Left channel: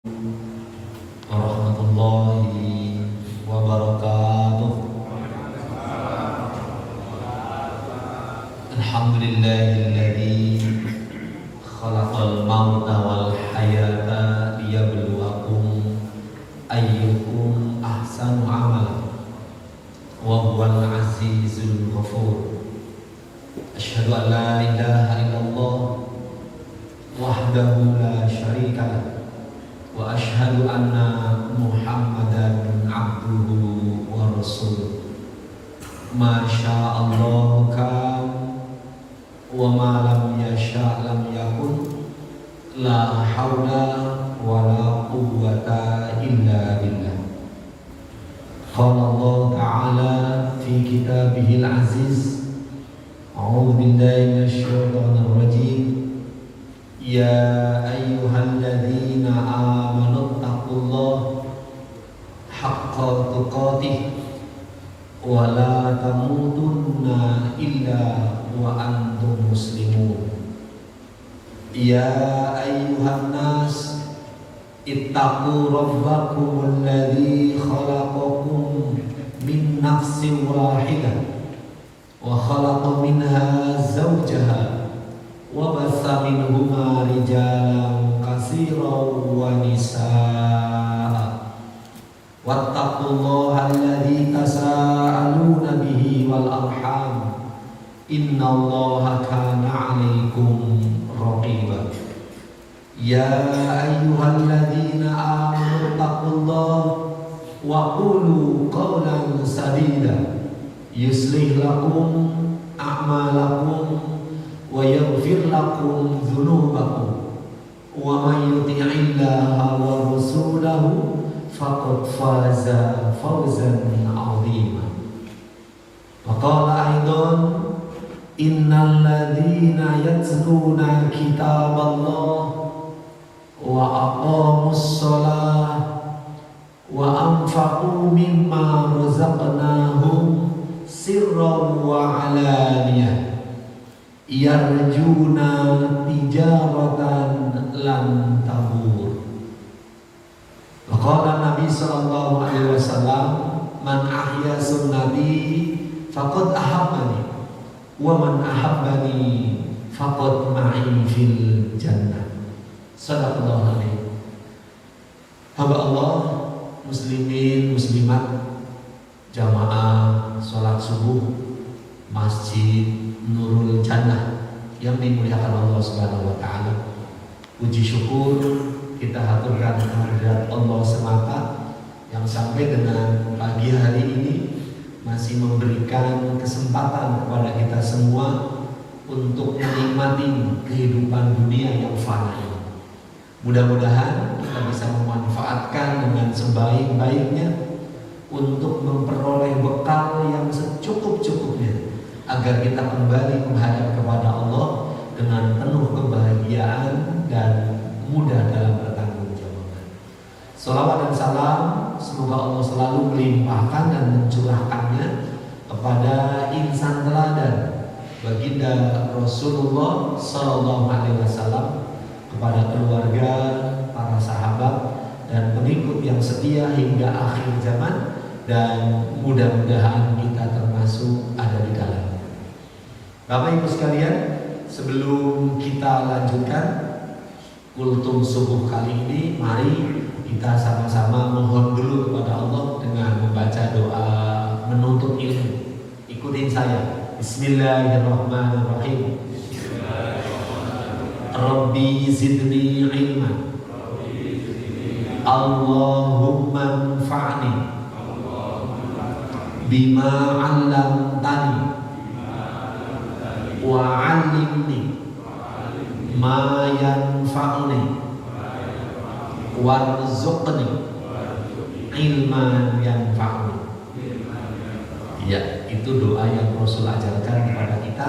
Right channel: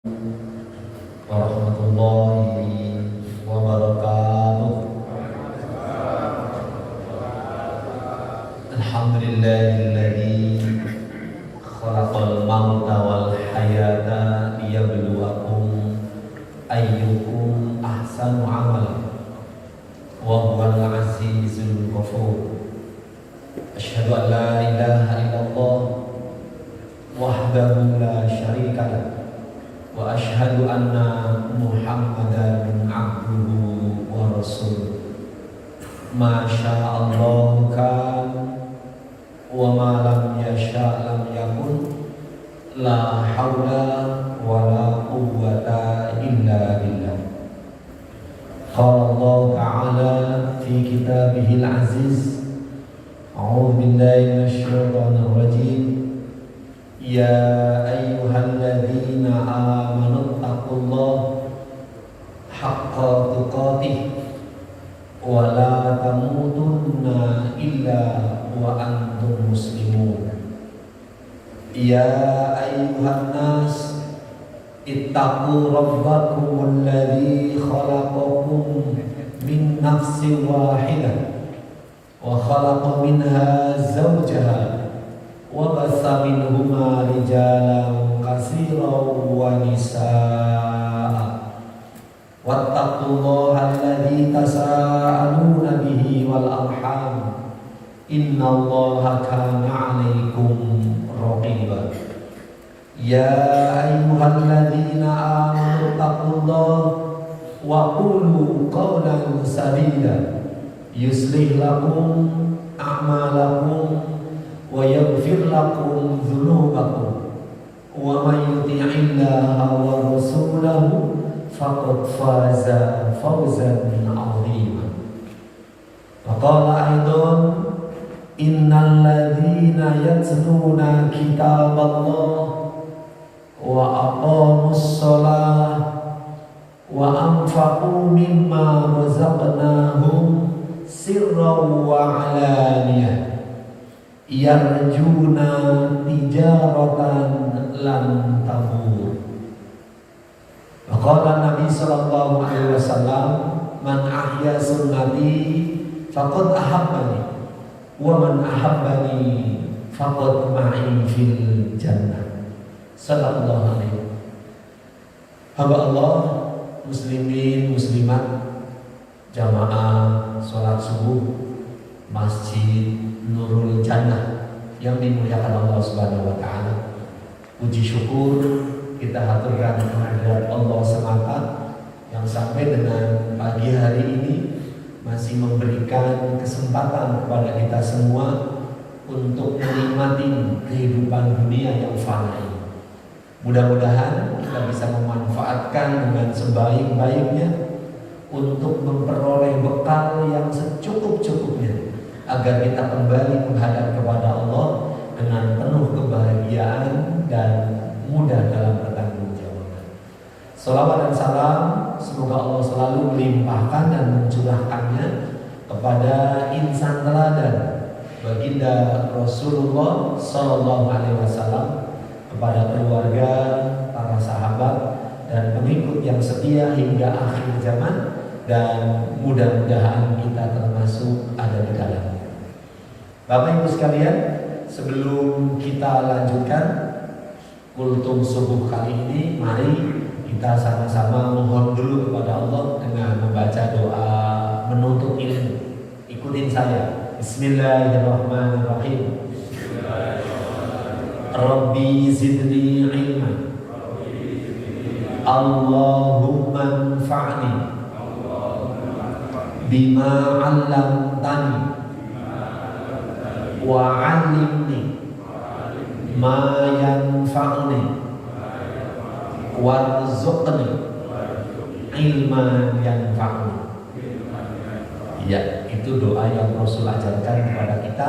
warahmatullahi wabarakatuh. Alhamdulillahilladzi khalaqal mauta wal hayata liyabluwakum ayyukum ahsanu amala wa huwal azizul ghafur. Asyhadu an la ilaha illallah wahdahu la syarika lah wa asyhadu anna Muhammadan abduhu wa rasuluh. Masya Allah kan wa ma lam yasha lam yakun, la hawla wa la quwwata illa billah. Qala Allah ta'ala fi kitabihil aziz, a'udzu billahi minasy syaithanir rajim. Ya ayyuhalladzina amanu taqullaha haqqa tuqatih wa la tamutunna illa wa antum muslimun. Ya ayyuhan nas ittaqu rabbakum alladzi khalaqakum min nafsin wahidah wa khalaqa minha zawjaha wa bassa minhuma rijalan katsiran wa nisaa. Wattaqullaha alladzi tasaaluna bihi wal arham, innallaha kana 'alaikum raqiba. Ya ayyuhalladzina amanu taqullaha wa qulu qawlan sadida yuslih lakum a'malakum wa yaghfir lakum dzunubakum wa may yuti'illaha wa rasulahu faqad faza fawzan 'azima. Wa qala aidan innal ladzina yatluna kitaballah wa aqamus shalah wa anfaqu mimma razaqnahum sirran wa 'alaniyah yarjuna tijaratan lan tabur. Qala Nabi sallallahu alaihi wasallam, man ahya sunnati faqad ahabbani wa man ahabbani faqad ma'i fil jannah. Sallallahu alaihi. Hamba Allah, muslimin muslimat, jamaah salat subuh Masjid Nurul Jannah yang dimuliakan Allah Subhanahu wa taala. Puji syukur kita haturkan kehadirat Allah semata yang sampai dengan pagi hari ini masih memberikan kesempatan kepada kita semua untuk menikmati kehidupan dunia yang fana ini. Mudah-mudahan kita bisa memanfaatkan dengan sebaik-baiknya untuk memperoleh bekal yang secukup-cukupnya, agar kita kembali menghadap kepada Allah dengan penuh kebahagiaan dan mudah dalam bertanggungjawab. Salawat dan salam semoga Allah selalu melimpahkan dan mencurahkannya kepada insan teladan baginda Rasulullah Sallallahu Alaihi Wasallam, kepada keluarga, para sahabat dan pengikut yang setia hingga akhir zaman, dan mudah-mudahan kita termasuk ada di kalangan. Bapak Ibu sekalian, sebelum kita lanjutkan kultum subuh kali ini, mari kita sama-sama mohon dulu kepada Allah dengan membaca doa menuntut ilmu. Ikutin saya. Bismillahirrahmanirrahim. Rabbi zidni ilman, Allahumma anfa'ni bima 'allamtani wa 'allimni ma yanfa'uni warzuqni ilman yanfa'uni. Ya, itu doa yang Rasul ajarkan kepada kita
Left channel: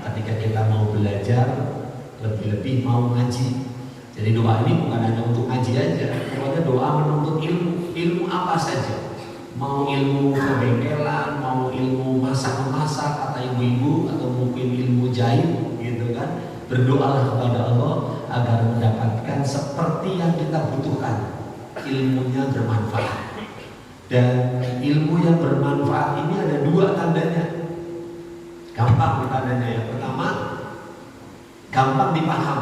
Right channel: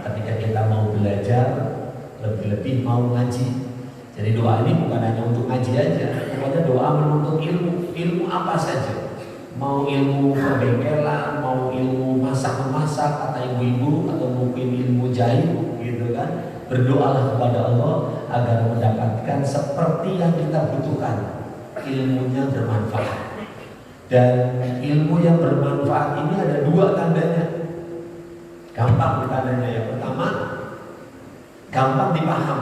ketika kita mau belajar, lebih-lebih mau ngaji. Jadi doa ini bukan hanya untuk ngaji aja, pokoknya doa menuntut ilmu. Ilmu apa saja, mau ilmu kebengkelan, mau ilmu masak-masak kata ibu-ibu, atau mungkin ilmu jahit gitu kan. Berdoalah kepada Allah agar mendapatkan seperti yang kita butuhkan, ilmunya bermanfaat. Dan ilmu yang bermanfaat ini ada dua tandanya. Gampang tandanya ya. Pertama, gampang dipaham.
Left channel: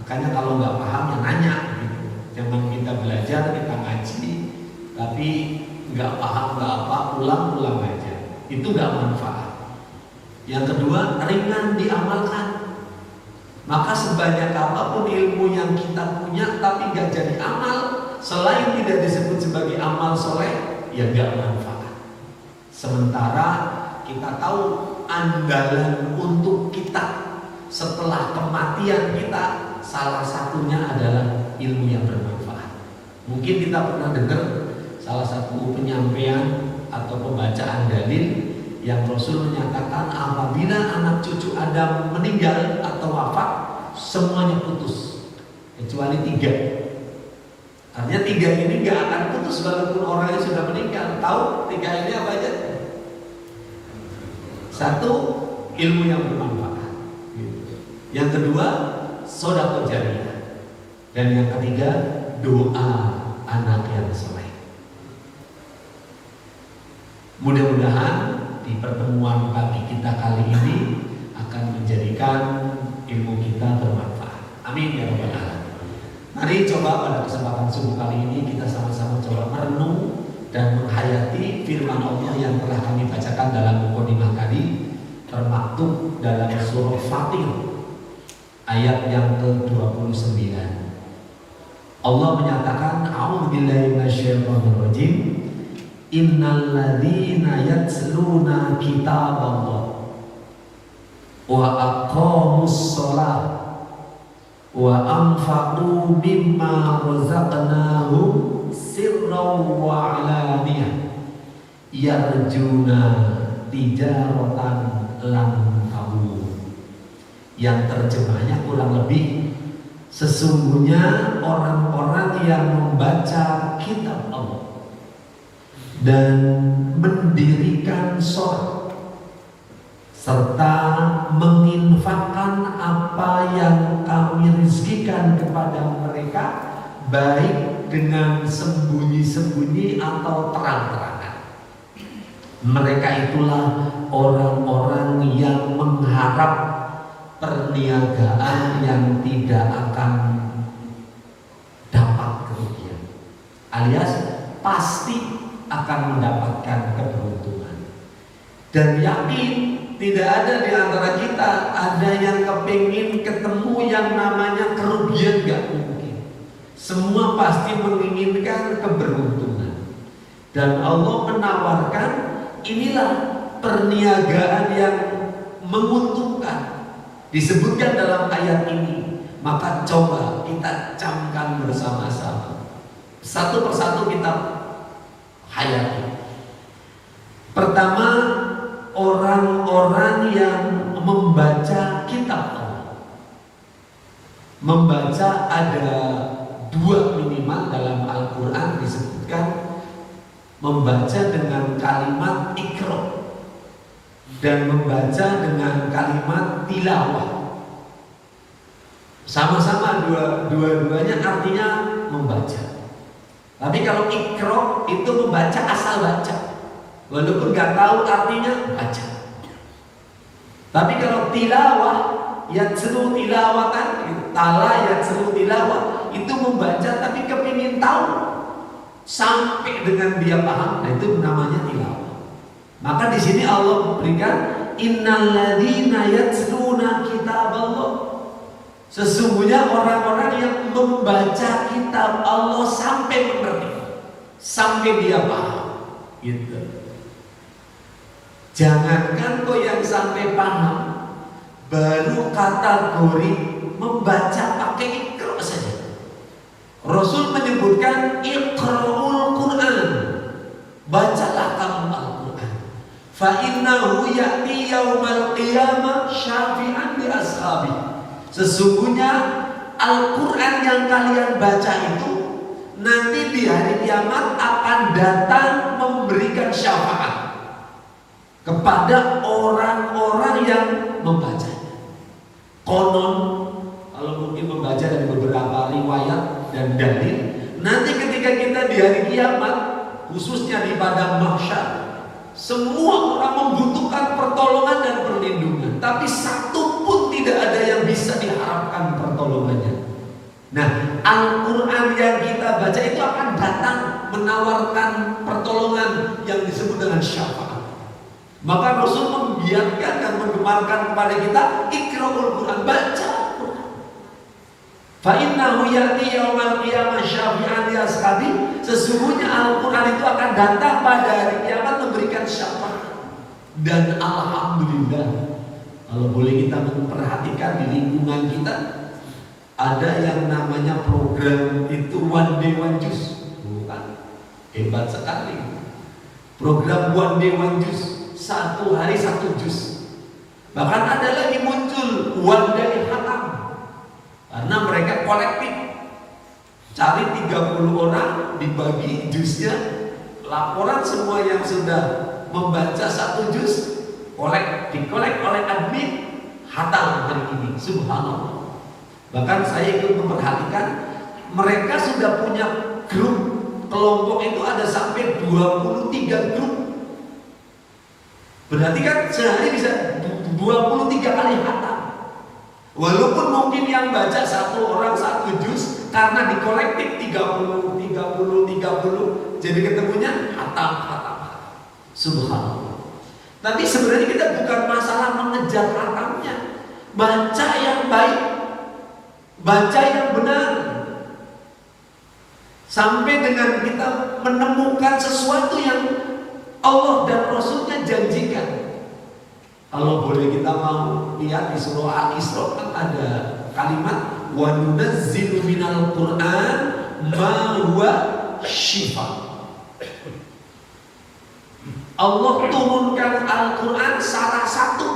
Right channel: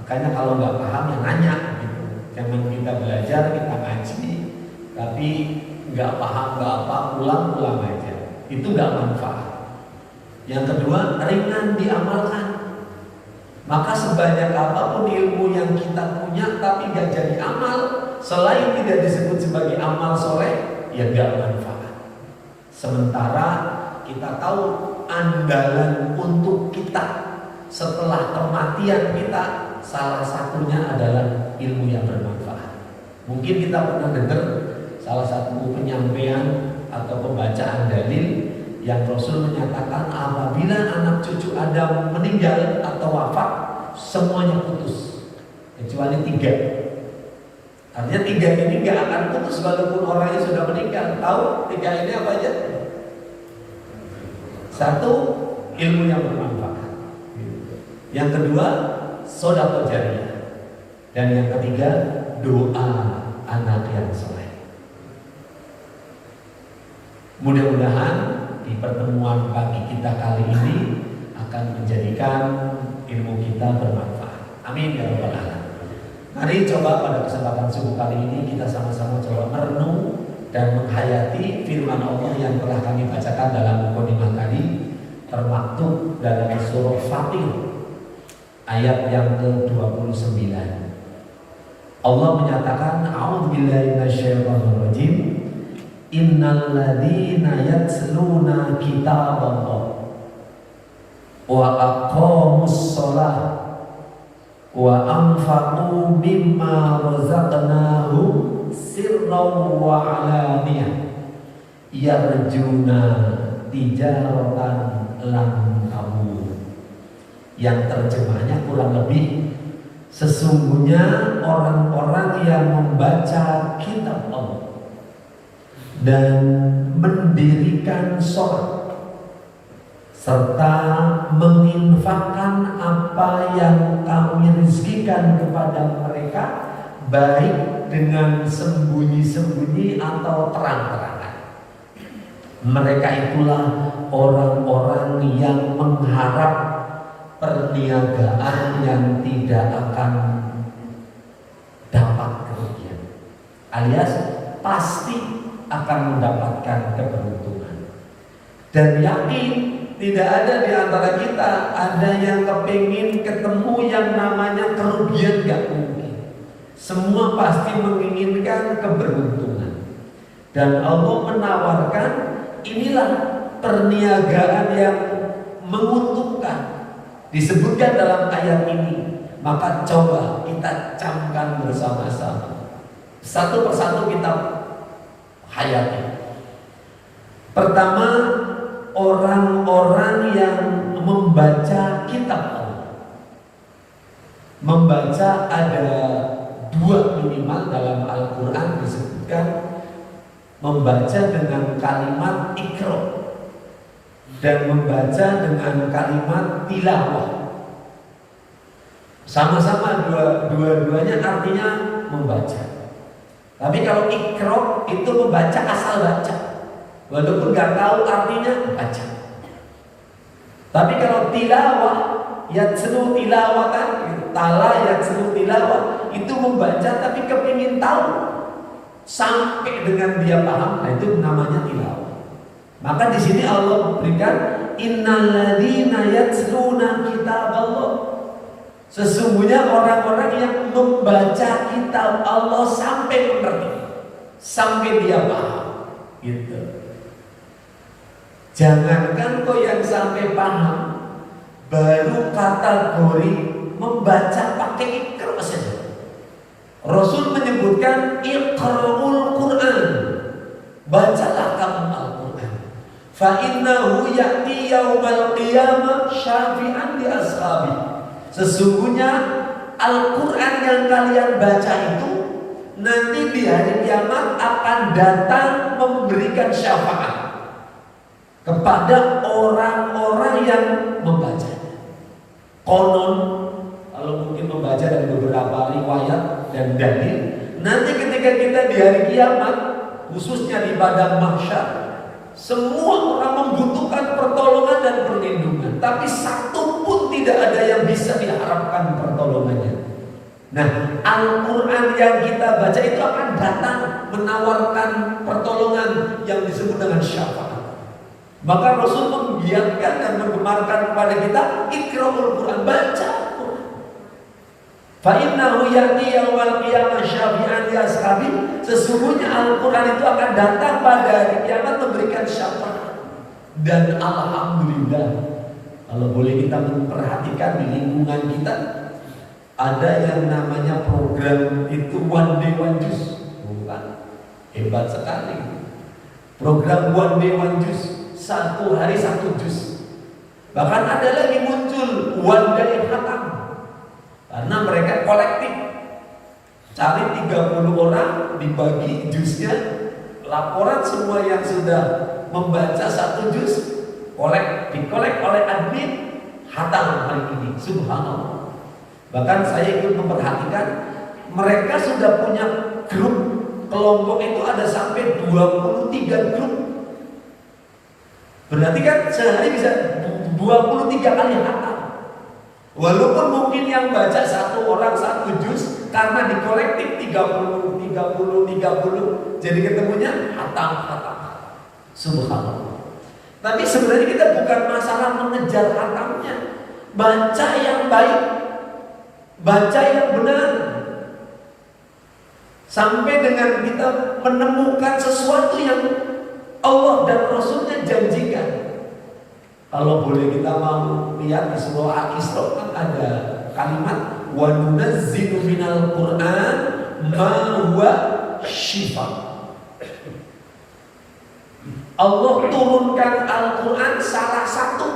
Makanya kalau nggak paham ya nanya gitu. Jangan kita belajar, kita ngaji, tapi nggak paham nggak apa, ulang-ulang aja. Itu nggak manfaat. Yang kedua, ringan diamalkan. Maka sebanyak apapun ilmu yang kita punya tapi nggak jadi amal, selain tidak disebut sebagai amal soleh, ya nggak manfaat. Sementara kita tahu andalan untuk kita setelah kematian kita, salah satunya adalah ilmu yang bermanfaat. Mungkin kita pernah dengar salah satu penyampaian atau pembacaan dalil yang Rasul menyatakan apabila anak cucu Adam meninggal atau wafat, semuanya putus kecuali 3. Artinya 3 ini gak akan putus walaupun orangnya sudah meninggal. Tahu 3 ini apa aja? 1, ilmu yang bermanfaat. Yang kedua, sedekah jariyah. Dan yang ketiga, doa anak yang soleh. Mudah-mudahan di pertemuan pagi kita kali ini akan menjadikan ilmu kita bermanfaat. Amin ya rabbal alamin. Mari coba pada kesempatan subuh kali ini kita sama-sama coba merenung dan menghayati firman Allah yang telah kami bacakan dalam mukadimah tadi, termaktub dalam surah Fatir ayat yang ke-29. Allah menyatakan, a'udzubillahi minasyaitonirrajim. Innal ladzina yatluna kitaballah wa aqamus shalah wa anfaqu mimma razaqnahum sirran wa alaniyah yarjuna tijaratan lan tabur. Yang terjemahnya kurang lebih, sesungguhnya orang-orang yang membaca kitab Allah dan mendirikan sholat serta menginfakkan apa yang kami rizkikan kepada mereka, baik dengan sembunyi-sembunyi atau terang-terangan. Mereka itulah orang-orang yang mengharap perniagaan yang tidak akan dapat kerugian, alias pasti akan mendapatkan keberuntungan. Dan yakin tidak ada di antara kita ada yang kepingin ketemu yang namanya kerugian, gak mungkin. Semua pasti menginginkan keberuntungan. Dan Allah menawarkan, inilah perniagaan yang menguntungkan, disebutkan dalam ayat ini. Maka coba kita camkan bersama-sama, satu persatu kita hayati. Pertama, orang-orang yang membaca kitab Allah. Membaca ada 2 minimal dalam Al-Quran disebutkan, membaca dengan kalimat iqra dan membaca dengan kalimat tilawah. Sama-sama dua-duanya artinya membaca. Tapi kalau iqra itu membaca asal baca, walaupun nggak tahu artinya baca. Tapi kalau tilawah, yatslu tilawatan, tala yatslu tilawah, itu membaca tapi kepingin tahu sampai dengan dia paham. Nah itu namanya tilawah. Maka di sini Allah berikan, innalladzina yatsluna kitaballah. Sesungguhnya orang-orang yang membaca kitab Allah sampai mengerti, sampai dia paham, gitu. Jangankan kau yang sampai paham, baru kategori membaca pakai iqra saja. Rasul menyebutkan iqra'ul Quran, bacalah kamu Al-Quran. Fa innahu ya'ti yaumal qiyamah syafi'an li ashabi. Sesungguhnya Al-Quran yang kalian baca itu nanti di hari kiamat akan datang memberikan syafaat kepada orang-orang yang membacanya. Konon, kalau mungkin membaca dan dalil. Nanti ketika kita di hari kiamat, khususnya di padang mahsyar, semua orang membutuhkan pertolongan dan perlindungan, tapi satu pun tidak ada yang bisa diharapkan pertolongannya. Nah, Al-Quran yang kita baca itu akan datang menawarkan pertolongan yang disebut dengan syafaat. Maka Rasul membiarkan dan menggemarkan kepada kita, Iqra'ul Quran, baca Al-Quran. Fa innahu ya'ti yaumal qiyamah syafi'an li ashabi. Sesungguhnya Al-Quran itu akan datang pada hari kiamat memberikan syafaat. Dan alhamdulillah, kalau boleh kita memperhatikan di lingkungan kita, ada yang namanya program itu One Day One Juice. Bukan? Hebat sekali. Program One Day One Juice, 1 hari 1 juz. Bahkan ada lagi muncul One Day Khatam, karena mereka kolektif. Cari 30 orang, dibagi juznya. Laporan semua yang sudah membaca 1 juz dikolek oleh admin, khatam hari ini. Subhanallah. Bahkan saya ikut memperhatikan, mereka sudah punya grup, kelompok itu ada sampai 23 grup. Berarti kan sehari bisa 23 kali khatam. Walaupun mungkin yang baca 1 orang 1 juz, karena di kolektif 30, jadi ketemunya khatam. Subhanallah. Tapi sebenarnya kita bukan masalah mengejar khatamnya. Baca yang baik, baca yang benar, sampai dengan kita menemukan sesuatu yang Allah dan Rasulnya janjikan. Kalau boleh kita mau lihat di surah Al-Isra kan ada kalimat wa nunazzilu minal Qur'an ma huwa syifa. Allah turunkan Al-Quran, salah satu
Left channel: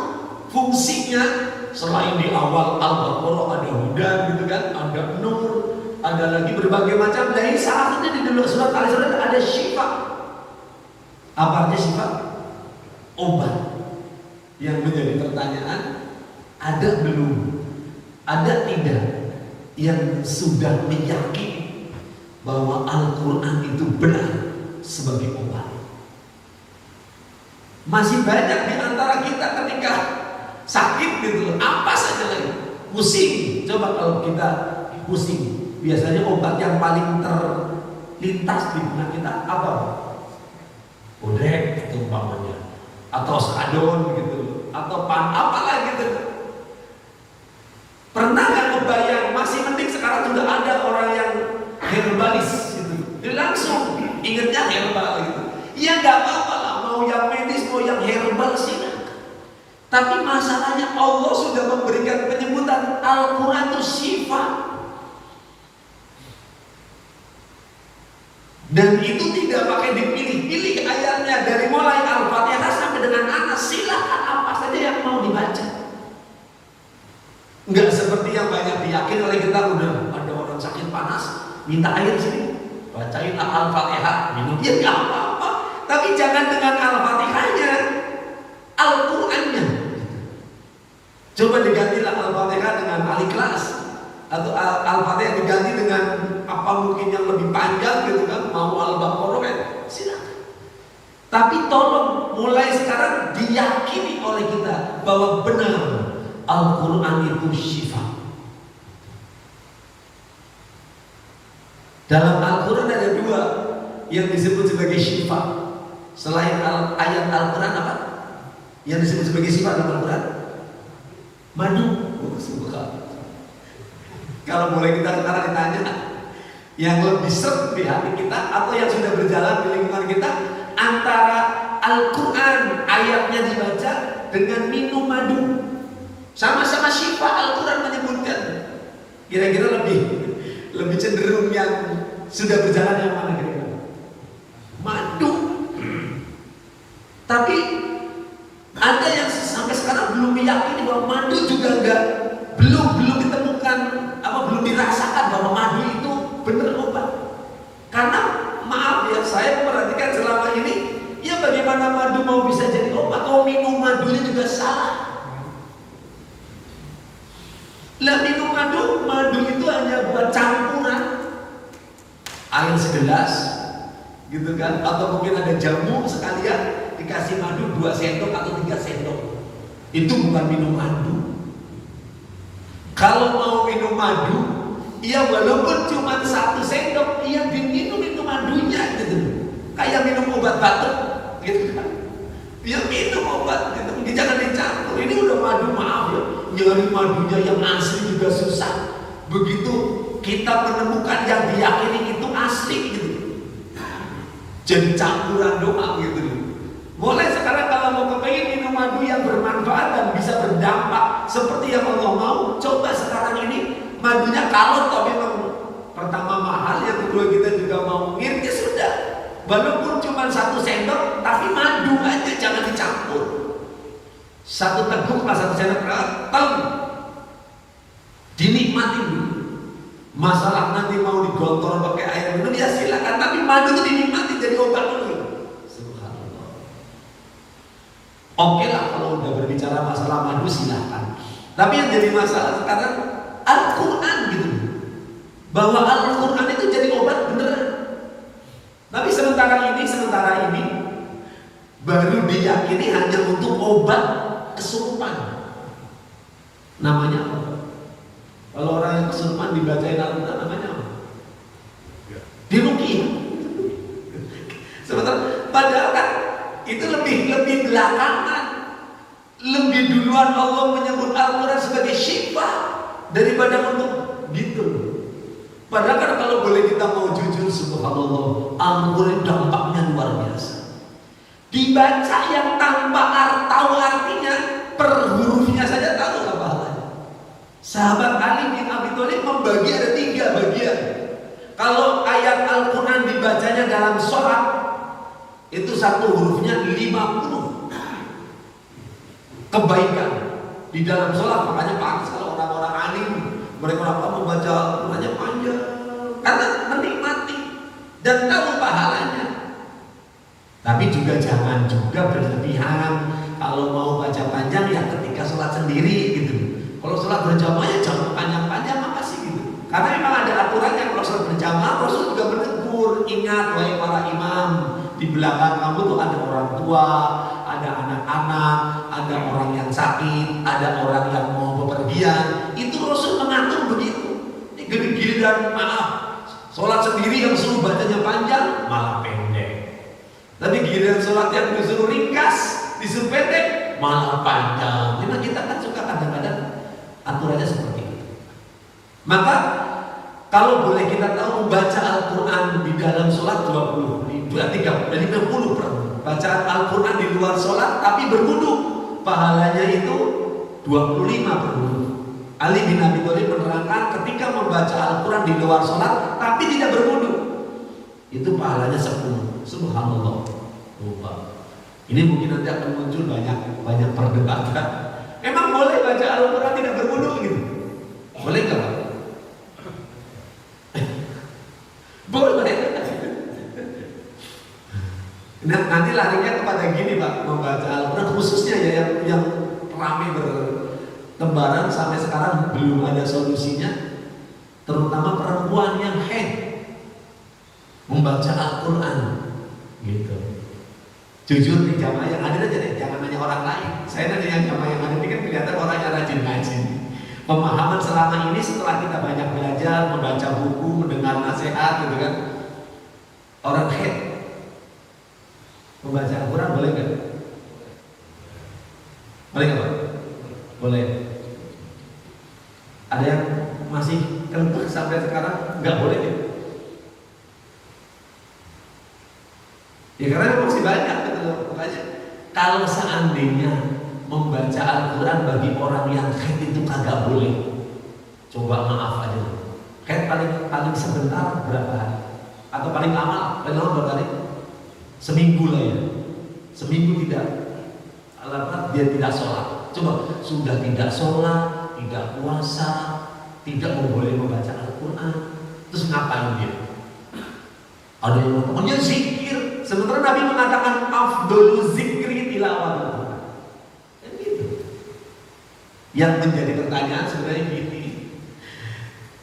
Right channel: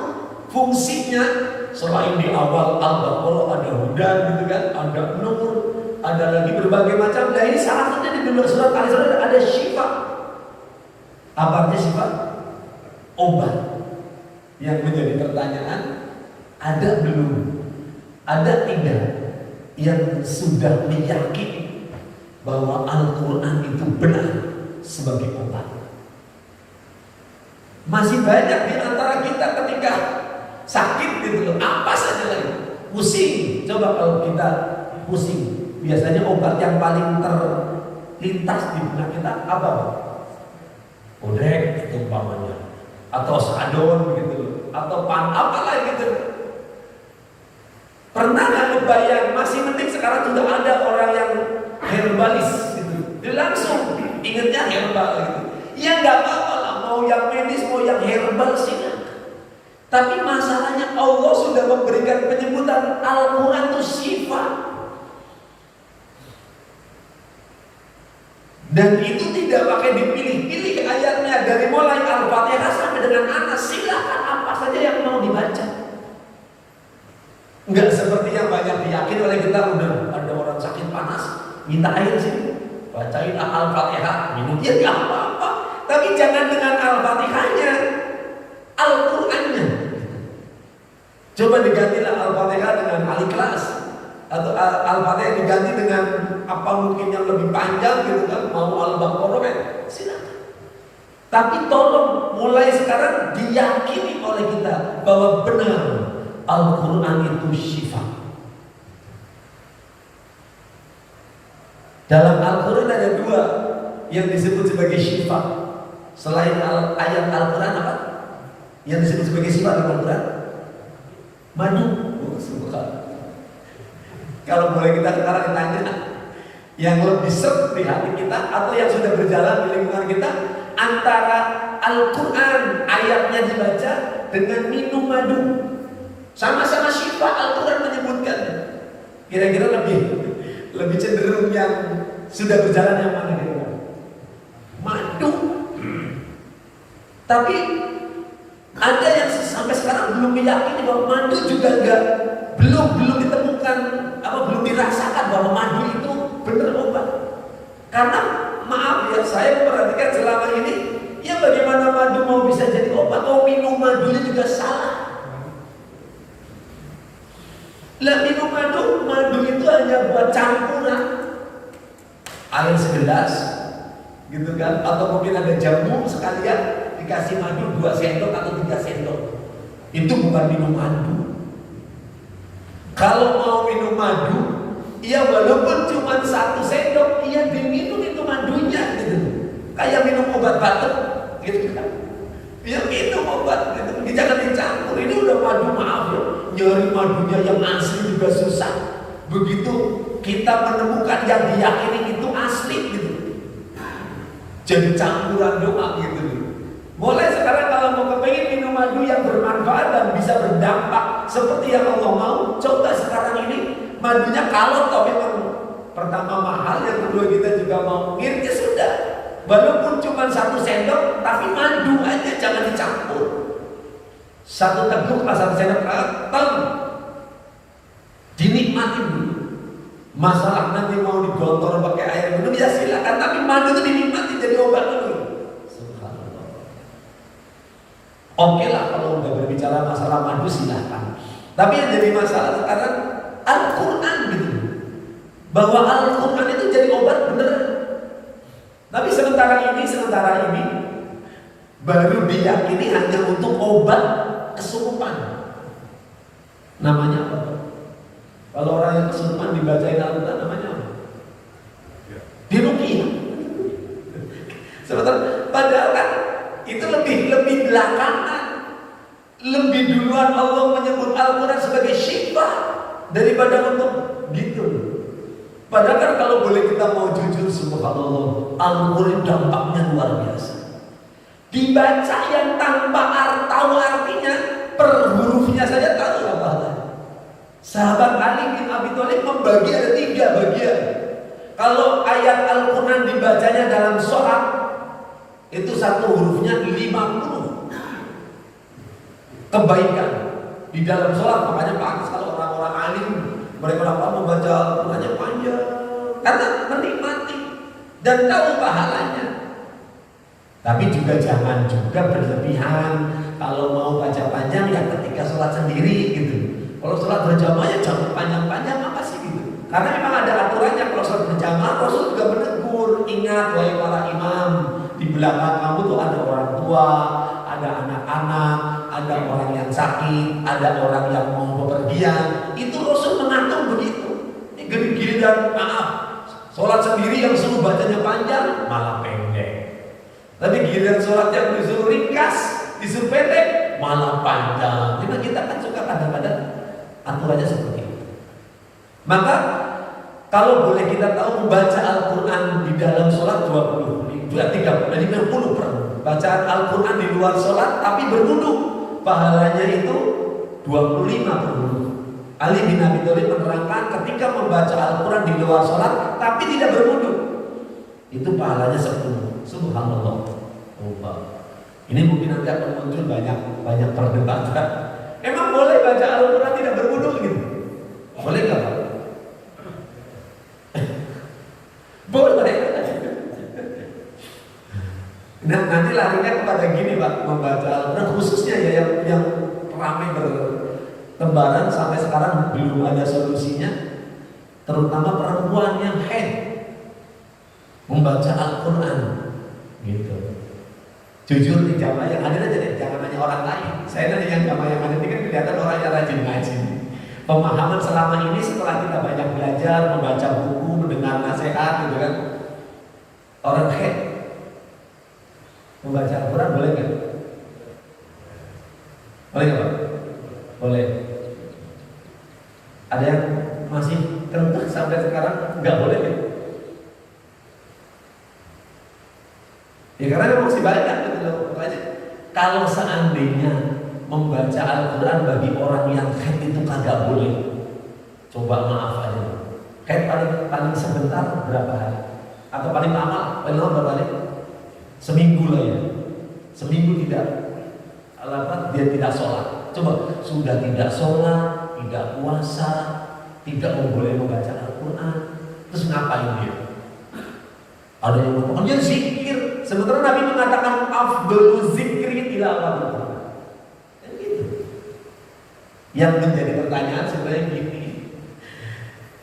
fungsinya selain di awal Al-Baqarah ada hudan gitu kan, ada nur, ada lagi berbagai macam. Dari salah satunya di dalam surat Al-Isra ada syifa. Apa artinya syifa? Obat. Yang menjadi pertanyaan, ada belum? Ada tidak yang sudah meyakini bahwa Al-Quran itu benar sebagai obat? Masih banyak di antara kita ketika sakit gitu, apa saja lagi, pusing. Coba kalau kita pusing, biasanya obat yang paling terlintas di benak kita apa? Odek itu umpamanya, atau sadon gitu, atau apa gitu. Pernah nggak kebayang? Masih mending sekarang sudah ada orang yang herbalis gitu, dia langsung ingetnya herbal gitu. Ya nggak apa-apa lah, mau yang medis mau yang herbal silakan. Tapi masalahnya Allah sudah memberikan penyebutan Al-Quran itu syifa. Dan itu tidak pakai dipilih-pilih ayatnya, dari mulai Al-Fatihah sampai dengan Anas, silakan apa saja yang mau dibaca. Enggak seperti yang banyak diyakini oleh kita, udah ada orang sakit panas, minta air sini, bacain Al-Fatihah, minum, ya nggak apa-apa. Tapi jangan dengan Al-Fatihahnya, Al-Qurannya. Coba digantilah Al-Fatihah dengan Al-Ikhlas, atau Al-Fatihah diganti dengan apa mungkin yang lebih panjang gitu kan, mau Al-Baqarah kan, silakan. Tapi tolong mulai sekarang diyakini oleh kita bahwa benar Al-Quran itu syifa. Dalam Al-Quran ada 2 yang disebut sebagai syifa. Selain ayat Al-Quran apa? Yang disebut sebagai syifa dalam Al-Quran? Madu. Kalau boleh kita sekarang ditanya, yang lebih seret di hati kita atau yang sudah berjalan di lingkungan kita, antara Al-Quran ayatnya dibaca dengan minum madu, sama-sama syifa. Al-Quran menyebutkan. Kira-kira lebih cenderung yang sudah berjalan yang mana kira-kira? Madu. Tapi ada yang sampai sekarang belum meyakini bahwa madu juga belum ditemukan, belum dirasakan bahwa madu itu benar obat. Karena maaf ya, saya memperhatikan selama ini, ya bagaimana madu mau bisa jadi obat? Oh, minum madunya juga salah. Lah minum madu itu hanya buat campuran. air segelas, gitu kan? Atau mungkin ada jamu sekalian dikasih madu 2 sendok atau 3 sendok. Itu bukan minum madu. Kalau mau minum madu, ya walaupun cuma 1 sendok, ia diminum itu madunya gitu. Kayak minum obat batuk, gitu kan? Ya minum obat gitu, jangan dicampur. Ini udah madu, maaf ya, nyari madunya yang asli juga susah. Begitu kita menemukan yang diyakini itu asli gitu, jadi campuran doang gitu. Mulai sekarang kalau mau kepengen minum madu yang bermanfaat dan bisa berdampak seperti yang Allah mau, coba sekarang ini madunya kalau toh memang pertama mahal, yang kedua kita juga mau ngirit, ya sudah. Walaupun cuma 1 sendok, tapi madu aja jangan dicampur. 1 teguk lah 1 sendok, dinikmati dulu. Masalah nanti mau digontor pakai air minum ya silakan, tapi madu itu dinikmati jadi obat dulu. Subhanallah. Oke lah kalau udah berbicara masalah madu silahkan. Tapi yang jadi masalah sekarang Al-Quran gitu, bahwa Al-Quran itu jadi obat beneran. Tapi sementara ini baru diyakini hanya untuk obat kesurupan. Namanya apa? Kalau orang yang kesurupan dibacain Al-Quran namanya apa? Diruqyah. Sementara padahal kan itu lebih belakangan. Lebih duluan Allah menyebut Al-Quran sebagai syifa daripada untuk gitu. Padahal kan kalau boleh kita mau jujur, subhanallah, Al-Quran dampaknya luar biasa. Dibaca yang tanpa tahu artinya, per hurufnya saja tahu nggak pahalanya. Sahabat Ali bin Abi Thalib membagi ada 3 bagian. Kalau ayat Al-Quran dibacanya dalam sholat, itu 1 hurufnya 50 kebaikan di dalam sholat. Makanya pantas kalau orang-orang alim, mereka membaca Al-Qurannya panjang karena menikmati dan tahu pahalanya. Tapi juga jangan juga berlebihan. Kalau mau baca panjang ya ketika sholat sendiri gitu. Kalau sholat berjamaah ya jangan panjang-panjang, apa sih gitu. Karena memang ada aturannya. Kalau sholat berjamaah Rasul juga menegur, ingat wahai para imam, di belakang kamu tuh ada orang tua, ada anak-anak, ada orang yang sakit, ada orang yang mau bepergian. Itu Rasul mengatur begitu. Ini gini-gini dan maaf, sholat sendiri yang suruh bacanya panjang malah pendek. Tapi giliran sholat yang disuruh ringkas, disuruh pendek malah panjang. Karena kita kan suka kadang-kadang aturannya seperti itu. Maka kalau boleh kita tahu membaca Al-Quran di dalam sholat 20, 50 per bacaan Al-Quran di luar sholat tapi berwudu, pahalanya itu 25 per wudu. Ali bin Abi Thalib menerangkan ketika membaca Al-Quran di luar sholat tapi tidak berwudu, itu pahalanya 10. Subhanallah. Ini mungkin nanti akan muncul banyak perdebatan. Emang boleh baca Al-Quran tidak berwudu gitu? Boleh nggak Pak? Boleh. Nah, nanti larinya kepada gini Pak, membaca Al-Quran khususnya ya yang ramai bertebaran sampai sekarang belum ada solusinya, terutama perempuan yang haid membaca Al-Quran gitu. Jujur nih jamaah yang hadir aja deh, jangan nanya orang lain. Saya nanya yang jamaah yang hadir ini kan kelihatan orang yang rajin ngaji. Pemahaman selama ini setelah kita banyak belajar, membaca buku, mendengar nasihat gitu kan, orang haid membaca Al-Quran boleh nggak? Boleh nggak Pak? Boleh. Ada yang masih kentut sampai sekarang nggak boleh ya? Ya karena masih banyak gitu loh. Makanya kalau seandainya membaca Al-Quran bagi orang yang haid itu kagak boleh, coba maaf aja. Haid paling sebentar berapa hari? Atau paling lama berapa hari? Seminggu lah ya. Seminggu tidak alamat dia tidak sholat. Coba sudah tidak sholat, tidak puasa, tidak boleh membaca Al-Quran, terus ngapain dia? Ada yang mengatakan dia zikir. Sementara Nabi mengatakan afdolu zikri tilawah. Yang menjadi pertanyaan sebenarnya gini,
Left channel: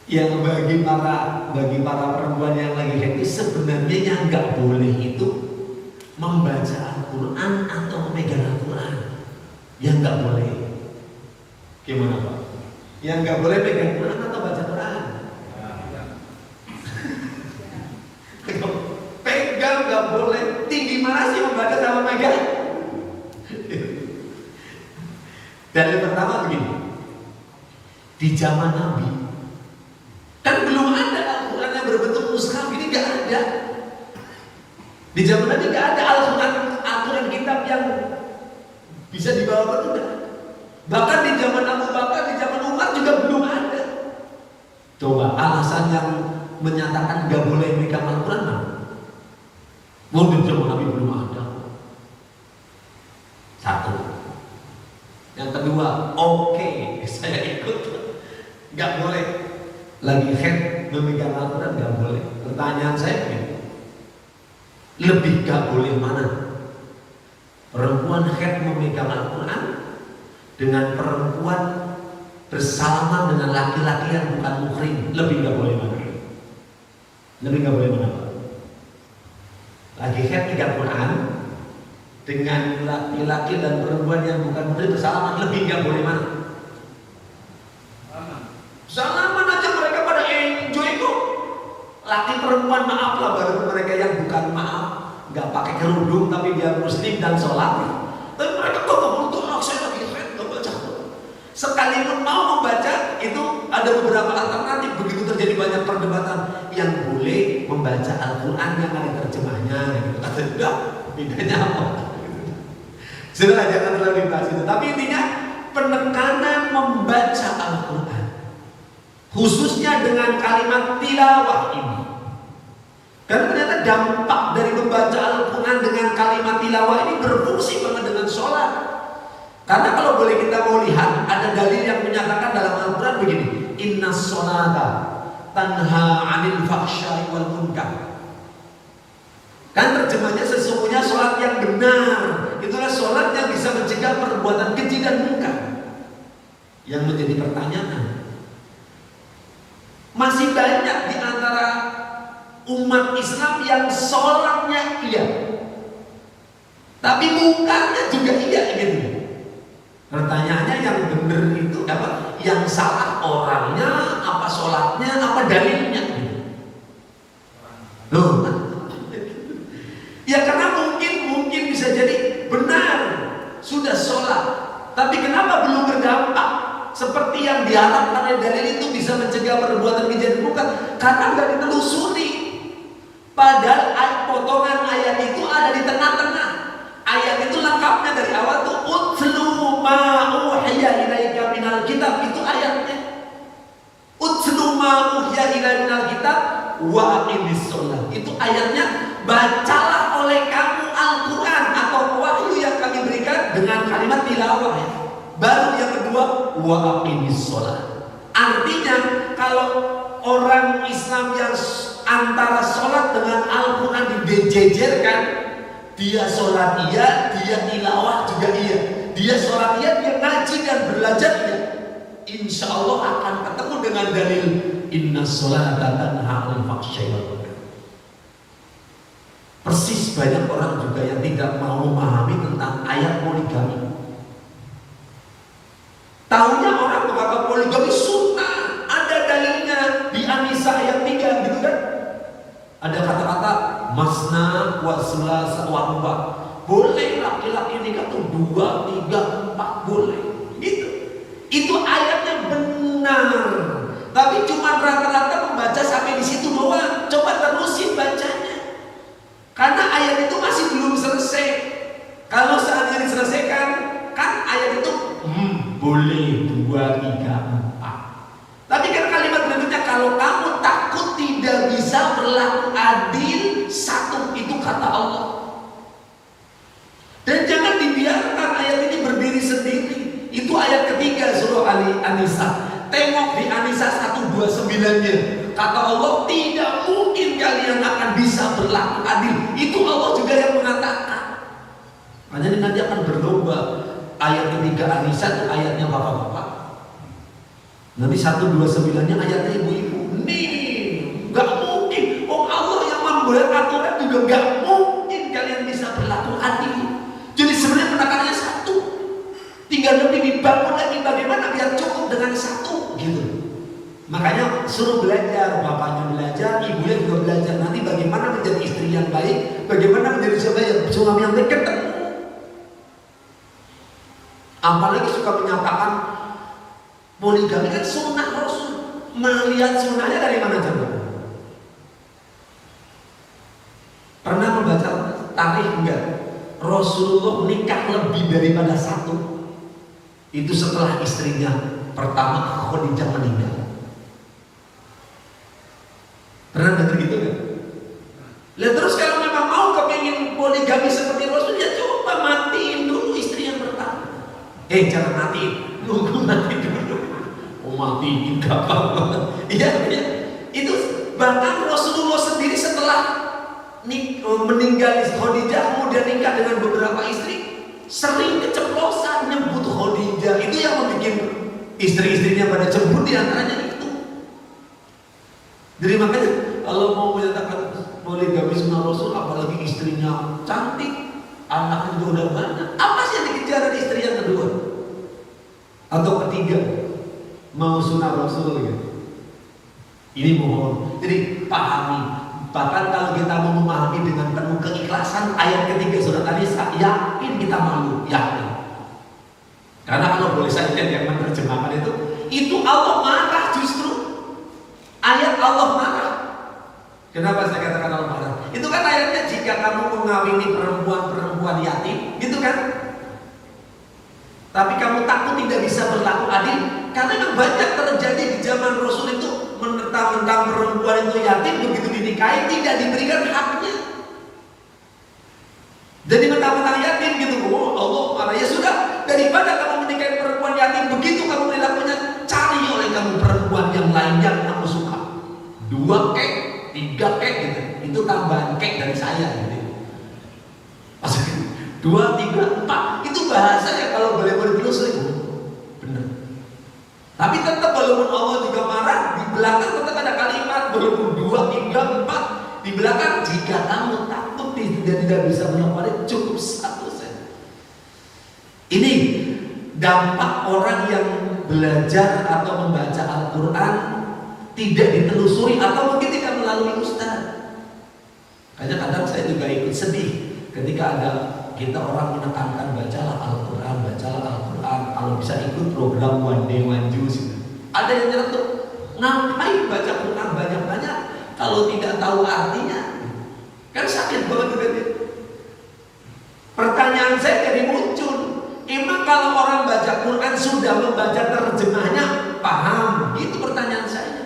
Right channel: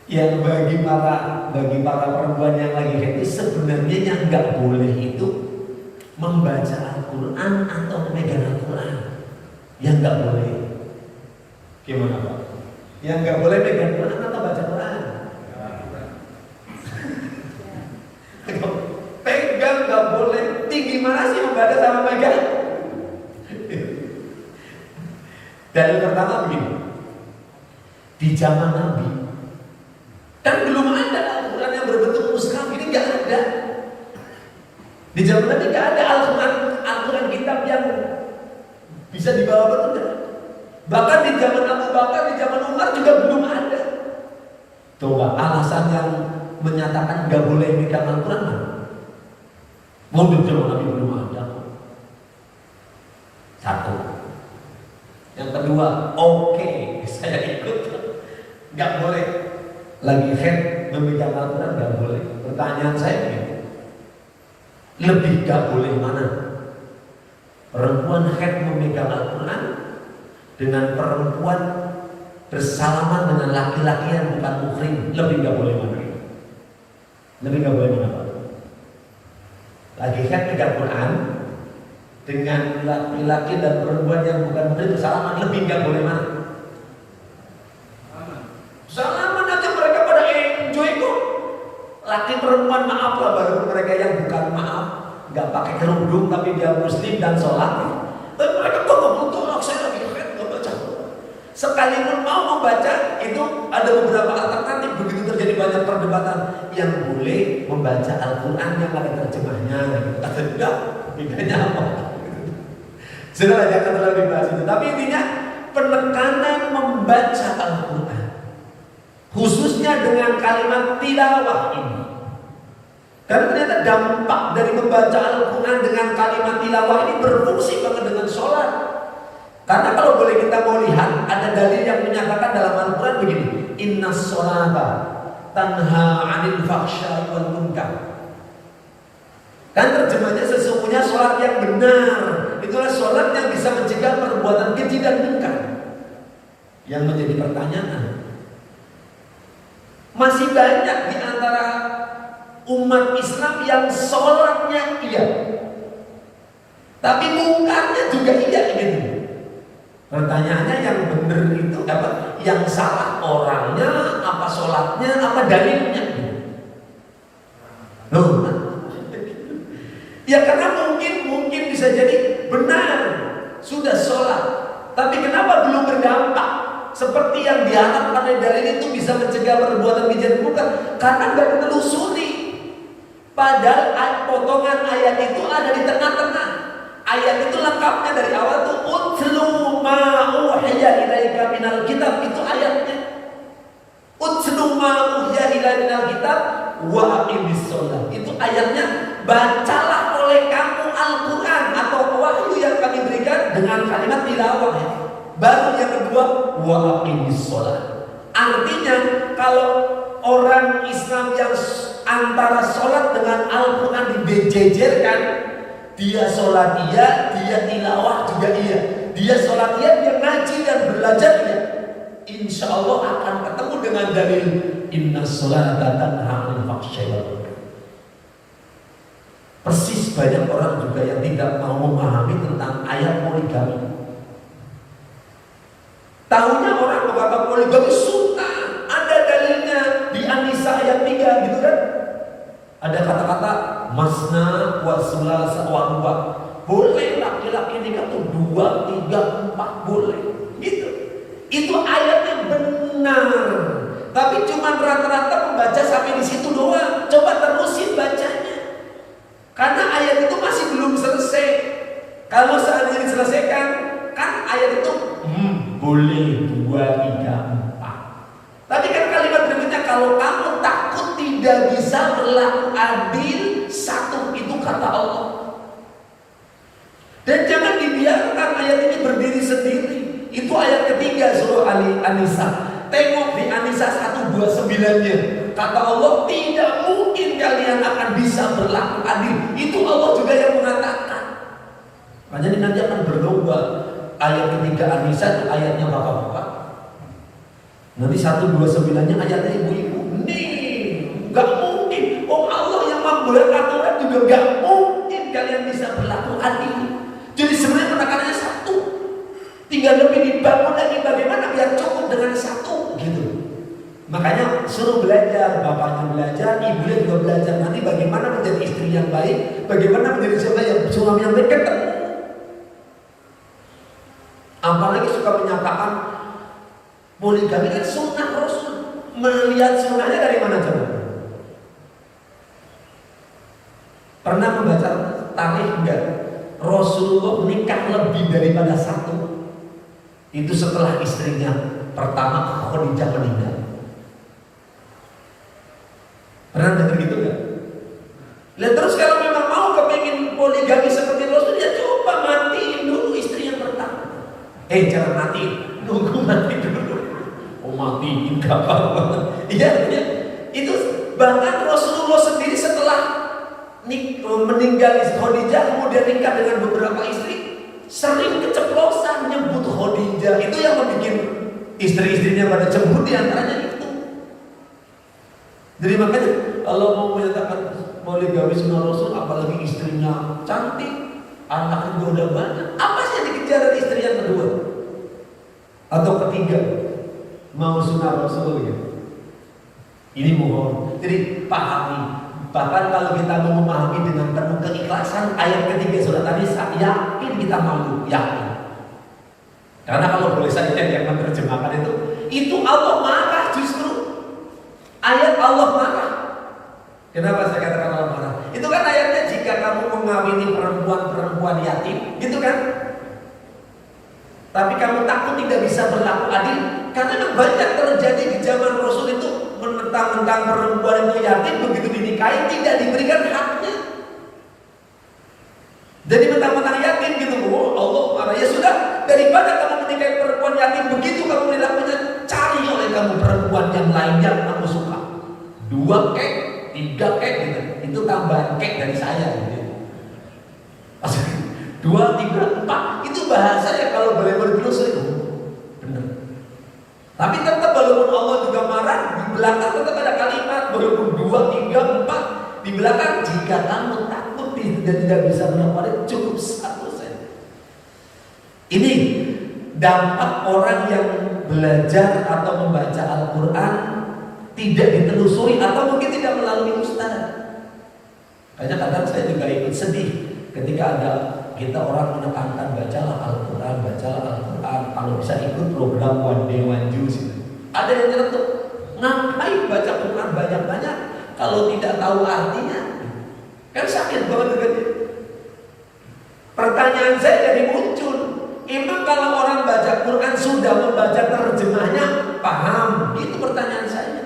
Yang bagi para perempuan yang lagi happy, sebenarnya yang nggak boleh itu membaca Al-Quran atau memegang Al-Quran. Yang nggak boleh. Gimana Pak? Yang nggak boleh megang Quran atau baca Quran? Pegang nggak boleh. Tinggi mana sih membaca sama pegang? Dalil pertama begini. Di zaman Nabi kan belum ada Al-Quran yang berbentuk mushaf, ini nggak ada. Di zaman Nabi nggak ada Al-Quran kitab yang bisa dibawa bertunda. Bahkan di zaman Abu Bakar, di zaman Umar juga belum ada. Coba alasan yang menyatakan nggak boleh megang Al-Quran mana? Mau di zaman Nabi belum ada. Satu. Yang kedua, oke, saya ikut. Nggak boleh. Lagi head memegang Al-Quran nggak boleh. Pertanyaan saya begini, lebih nggak boleh mana? Perempuan head memegang Al-Quran dengan perempuan bersalaman dengan laki-laki yang bukan muhrim, lebih nggak boleh mana? Lebih nggak boleh mana Pak? Lagi head megang Quran dengan laki-laki dan perempuan yang bukan muhrim bersalaman, lebih nggak boleh mana? Salaman aja mereka pada enjoy kok. Laki perempuan maaf lah, baru mereka yang bukan maaf, nggak pakai kerudung tapi dia muslim dan sholat. Tapi mereka kok butuh saya lagi head nggak baca. Sekalipun mau membaca itu ada beberapa alternatif. Begitu terjadi banyak perdebatan, yang boleh membaca Al-Quran yang ada terjemahnya. Gitu. Kata enggak, bedanya apa? Sudah jangan terlalu dibahas itu. Tapi intinya penekanan membaca Al-Quran, khususnya dengan kalimat tilawah ini. Karena ternyata dampak dari membaca Al-Quran dengan kalimat tilawah ini berfungsi banget dengan sholat. Karena kalau boleh kita mau lihat, ada dalil yang menyatakan dalam Al-Quran begini, inna sholata tanha anil fakhsyai wal munkar. Kan terjemahnya sesungguhnya sholat yang benar, itulah sholat yang bisa mencegah perbuatan keji dan munkar. Yang menjadi pertanyaan, masih banyak di antara umat Islam yang sholatnya iya, tapi mungkarnya juga iya gitu. Pertanyaannya yang benar itu apa? Yang salah orangnya, apa sholatnya, apa dalilnya? Loh, ya karena mungkin bisa jadi benar sudah sholat, tapi kenapa belum berdampak seperti yang diharapkan oleh dalil itu bisa mencegah perbuatan keji dan munkar? Karena nggak ditelusuri. Padahal potongan ayat itu ada di tengah-tengah. Ayat itu lengkapnya dari awal tuh utlu ma uhiya ilaika minal kitab, itu ayatnya. Utlu ma uhiya ilaika minal kitab wa aqimis shalah, itu ayatnya. Bacalah oleh kamu Al-Quran atau wahyu yang kami berikan dengan kalimat tilawah. Baru yang kedua wa aqimis shalah. Artinya kalau orang Islam yang antara sholat dengan Al-Quran dijejerkan, dia sholat iya, dia tilawah juga iya, dia sholat iya, dia ngaji dan belajar iya, insya Allah akan ketemu dengan dalil inna sholata tanha 'anil fahsya'i wal munkar. Persis banyak orang juga yang tidak mau memahami tentang ayat poligami. Tahunya orang berkata poligami sunnah, ada dalilnya di An-Nisa ayat 3 gitu kan. Ada kata-kata masna wa sulasa wa ruba. Boleh laki-laki nikah tuh 2, 3, 4 boleh. Gitu. Itu ayatnya benar. Tapi cuma rata-rata membaca sampai di situ doang. Coba terusin bacanya. Karena ayat itu masih belum selesai. Kalau seandainya diselesaikan, kan ayat itu boleh 2, 3, 4. Tapi kan kalimat berikutnya, kalau kamu takut tidak bisa berlaku adil, satu, itu kata Allah. Dan jangan dibiarkan ayat ini berdiri sendiri. Itu ayat ketiga surah An-Nisa. Tengok di An-Nisa 129-nya. Kata Allah, tidak mungkin kalian akan bisa berlaku adil. Itu Allah juga yang mengatakan. Makanya ini nanti akan berlomba. Ayat ketiga An-Nisa itu ayatnya bapak-bapak. Nanti 129-nya ayatnya ibu-ibu. yang baik, bagaimana menjadi siapa yang suami yang baik, ketemu. Apalagi suka menyatakan poligami kan sunnah Rasul. Melihat sunnahnya dari mana coba? Pernah membaca tarikh enggak? Rasulullah nikah lebih daripada satu. Itu setelah istrinya pertama Khadijah meninggal. Pernah dengar gitu enggak? Lihat terus kalau memang mau kepingin poligami seperti Rasul, ya coba matiin dulu istri yang pertama. Jangan matiin, nunggu mati dulu. Oh matiin gampang. Iya. Itu bahkan Rasulullah sendiri setelah meninggal Khadijah kemudian nikah dengan beberapa istri, sering keceplosan nyebut Khadijah. Itu yang membuat istri-istrinya pada cemburu, diantaranya itu. Jadi makanya kalau mau menyatakan poligami sunnah Rasul, apalagi istrinya cantik, anaknya juga udah banyak, apa sih yang dikejar dari istri yang kedua atau ketiga? Mau sunnah Rasul gitu. Ini mohon, jadi pahami. Bahkan kalau kita mau memahami dengan penuh keikhlasan ayat ketiga surat An-Nisa, yakin kita malu, yakin. Karena kalau boleh saya yang menerjemahkan itu Allah marah justru. Ayat Allah marah. Kenapa saya katakan Allah marah? Itu kan ayatnya jika kamu mengawini perempuan-perempuan yatim, gitu kan? Tapi kamu takut tidak bisa berlaku adil. Karena yang banyak terjadi di zaman Rasul itu, mentang-mentang perempuan itu yatim, begitu dinikahi tidak diberikan haknya. Jadi mentang-mentang yatim gitu, oh Allah marah. Ya sudah, daripada kamu menikahi perempuan yatim begitu kamu perilakunya, cari oleh kamu perempuan yang lain yang kamu suka. 2 kek, 3 kek gitu. Itu tambahan kek dari saya gitu. Maksudnya 2, 3, 4 itu bahasanya kalau boleh sering benar. Tapi tetap walaupun Allah juga marah, di belakang tetap ada kalimat walaupun 2, 3, 4 di belakang, jika kamu takut tidak bisa melakukannya, cukup 1 saja. Ini dampak orang yang belajar atau membaca Al-Quran tidak ditelusuri atau mungkin tidak melalui ustaz. Kadang-kadang saya juga ikut sedih ketika ada kita orang menekankan bacalah Al-Quran, kalau bisa ikut program One Day One Juice. Ada yang nyeletuk, ngapain baca Quran banyak-banyak kalau tidak tahu artinya? Kan sakit banget kan? Pertanyaan saya jadi muncul, emang kalau orang baca Quran sudah membaca terjemahnya paham? Itu pertanyaan saya.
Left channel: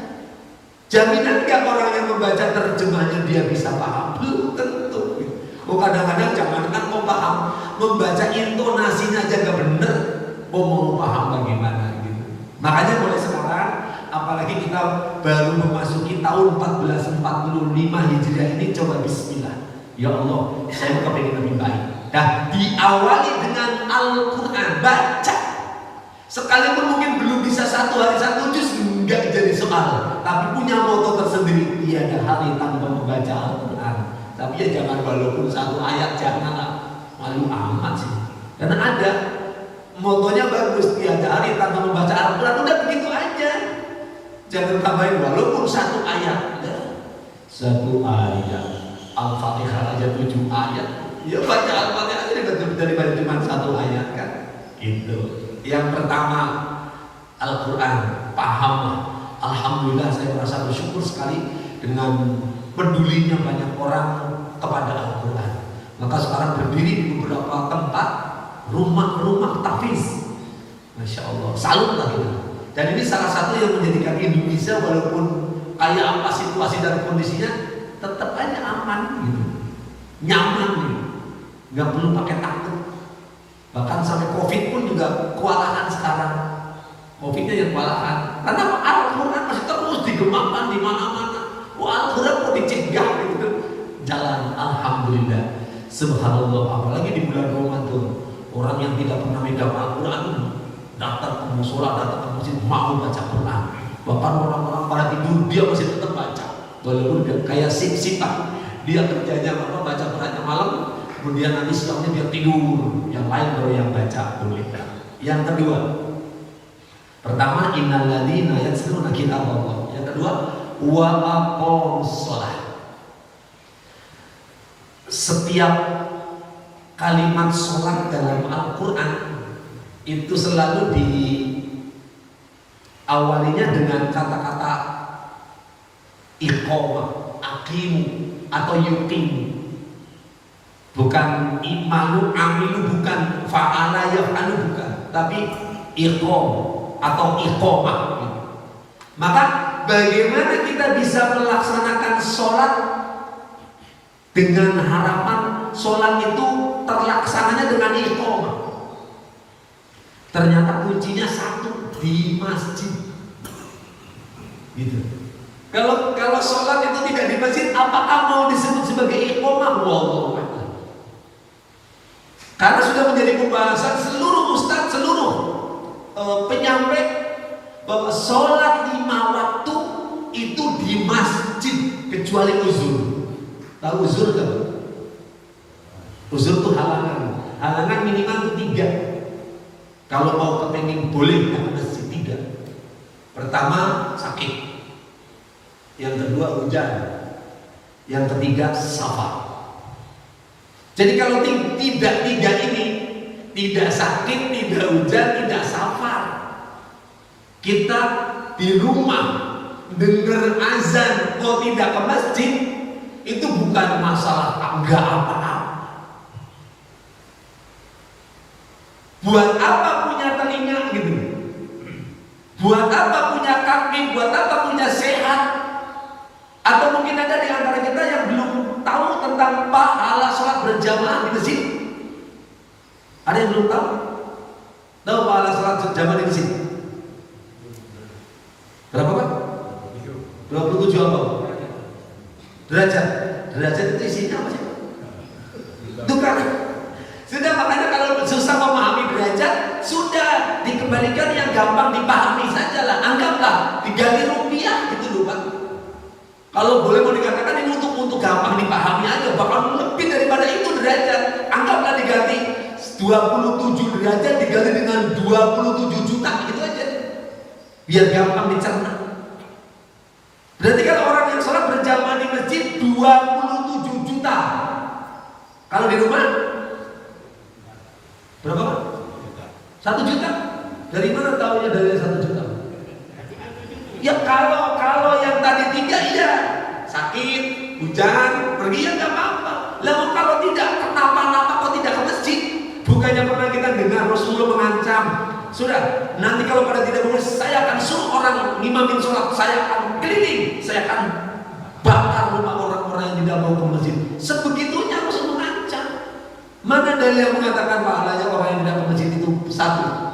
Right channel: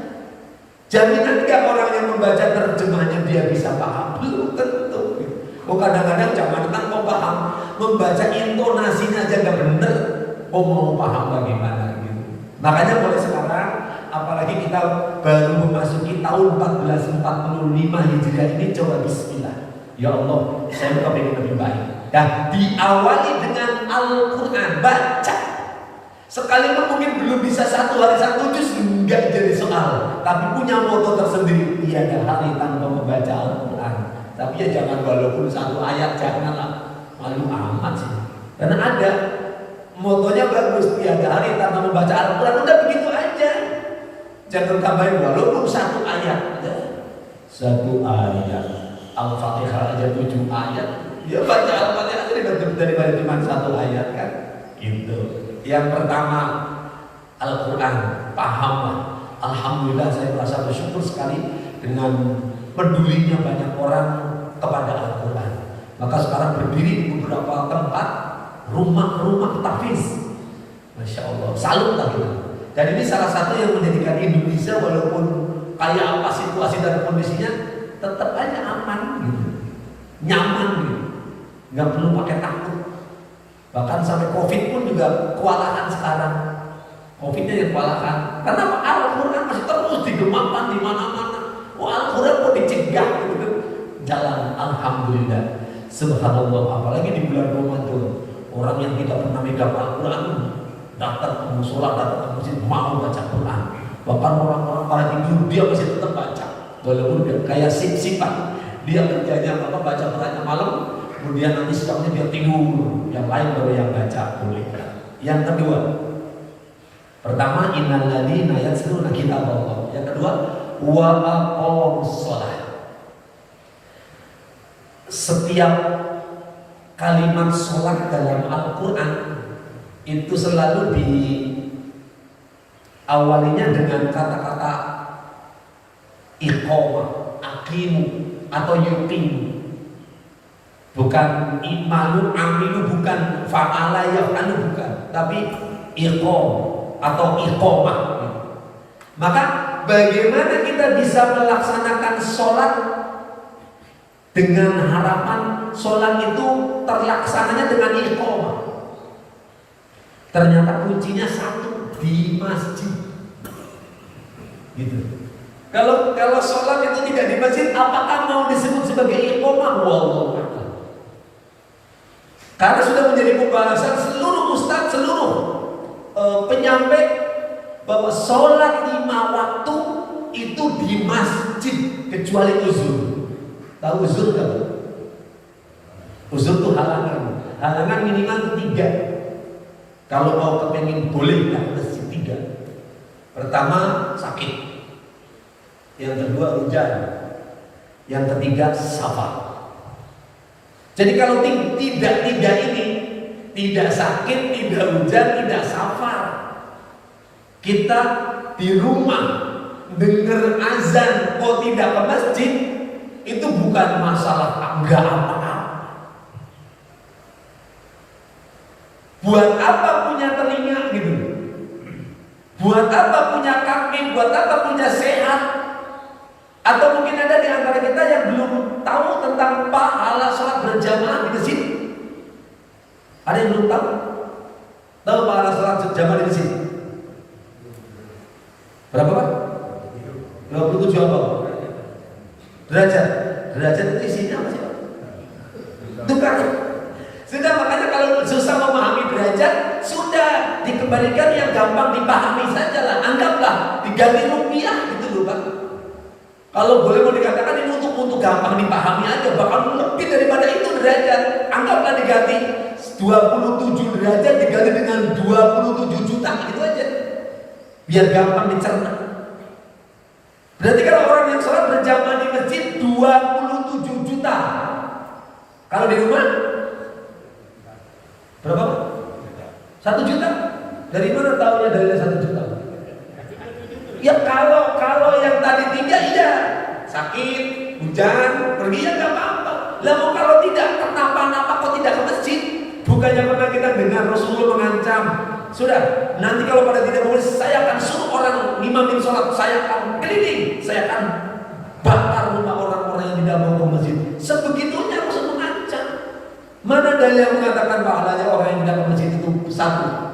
Jaminan gak orang yang membaca terjemahnya dia bisa paham? Belum tentu. Oh kadang-kadang jangan kok paham, membaca intonasinya aja gak bener, mau paham bagaimana gitu. Makanya mulai sekarang, apalagi kita baru memasuki tahun 1445 Hijriah ini, coba bismillah. Ya Allah, saya kepingin lebih baik. Dan diawali dengan Al-Quran, baca. Sekalipun mungkin belum bisa 1 hari 1 juz, enggak jadi soal. Tapi punya moto tersendiri, tiada hari tanpa membaca Al-Quran. Tapi ya jangan walaupun 1 ayat, janganlah, malu amat sih. Karena ada motonya bagus, tiada hari tanpa membaca Al-Quran, udah begitu aja. Jangan tambahin walaupun 1 ayat. 1 ayat, Al-Fatihah aja 7 ayat. Ya baca Al-Fatihah aja daripada cuma 1 ayat kan. Gitu. Yang pertama Al-Quran, pahamlah. Alhamdulillah saya merasa bersyukur sekali dengan pedulinya banyak orang kepada Al-Quran. Maka sekarang berdiri di beberapa tempat rumah-rumah tahfiz. Masya Allah, salut lah gitu. Dan ini salah satu yang menjadikan Indonesia walaupun kayak apa situasi dan kondisinya, tetap aja aman gitu, nyaman gitu, nggak perlu pakai takut. Bahkan sampai COVID pun juga kewalahan sekarang. COVID-nya yang kewalahan. Karena Al-Quran masih terus digemakan di mana-mana. Al-Quran mau dicegah gitu. Jalan, alhamdulillah. Subhanallah, apalagi di bulan Ramadan. Orang yang tidak pernah megang Al-Quran datang ke musola, datang ke masjid, mau baca Quran. Bahkan orang-orang pada tidur dia masih tetap baca. Walaupun dia kayak sip-sipan. Dia kerjanya baca Qurannya malam, kemudian nanti siangnya dia tidur. Yang lain baru yang baca boleh. Yang kedua, pertama innal ladzina yatluna kitab Allah. Yang kedua wa aqamus shalah. setiap kalimat sholat dalam Al-Quran itu selalu diawalinya dengan kata-kata iqamah, aqimu atau yuqimu. Bukan imalu, amilu, bukan fa'ala yaf'alu, bukan, tapi iqam atau iqamah. Maka bagaimana kita bisa melaksanakan sholat dengan harapan sholat itu terlaksananya dengan iqamah? Ternyata kuncinya satu, di masjid. Gitu. Kalau sholat itu tidak di masjid, apakah mau disebut sebagai iqamah? Wallahu a'lam. Karena sudah menjadi pembahasan seluruh ustaz, seluruh penyampai bahwa sholat 5 waktu itu di masjid kecuali uzur. Tahu uzur kan? Uzur itu halangan. Halangan minimal 3. Kalau mau kepengen boleh ke masjid 3. Pertama sakit, yang kedua hujan, yang ketiga safar. Jadi kalau tidak ini, tidak sakit, tidak hujan, tidak safar, kita di rumah dengar azan kok tidak ke masjid, itu bukan masalah enggak apa-apa. Buat apa punya telinga gitu? Buat apa punya kaki? Buat apa punya sehat? Atau mungkin ada di antara kita yang belum tahu tentang pahala sholat berjamaah di masjid. Ada yang belum tahu? Tahu pahala sholat berjamaah di masjid? Berapa Pak? 27 apa? Derajat. Derajat itu isinya apa sih Pak? Itu kan. Sudah, makanya kalau susah memahami derajat, sudah dikembalikan yang gampang dipahami saja lah. Anggaplah diganti rupiah gitu loh Pak. Kalau boleh mau dikatakan ini untuk gampang dipahami aja, bahkan lebih daripada itu derajat. Anggaplah diganti 27 derajat diganti dengan 27 juta, gitu aja. Biar gampang dicerna. Berarti kalau orang yang sholat berjamaah di masjid 27 juta. Kalau di rumah berapa? 1 juta. Dari mana tahunya dari 1 juta? Ya kalau yang tadi 3 iya, sakit, hujan, pergi ya nggak apa-apa. Lalu kalau tidak, kenapa kok tidak ke masjid? Bukannya pernah kita dengar Rasulullah mengancam, sudah nanti kalau pada tidak boleh, saya akan suruh orang ngimamin sholat, saya akan keliling, saya akan bakar rumah orang-orang yang tidak mau ke masjid. Sebegitunya Rasul mengancam. Mana dalil yang mengatakan pahalanya orang yang tidak ke masjid itu 1?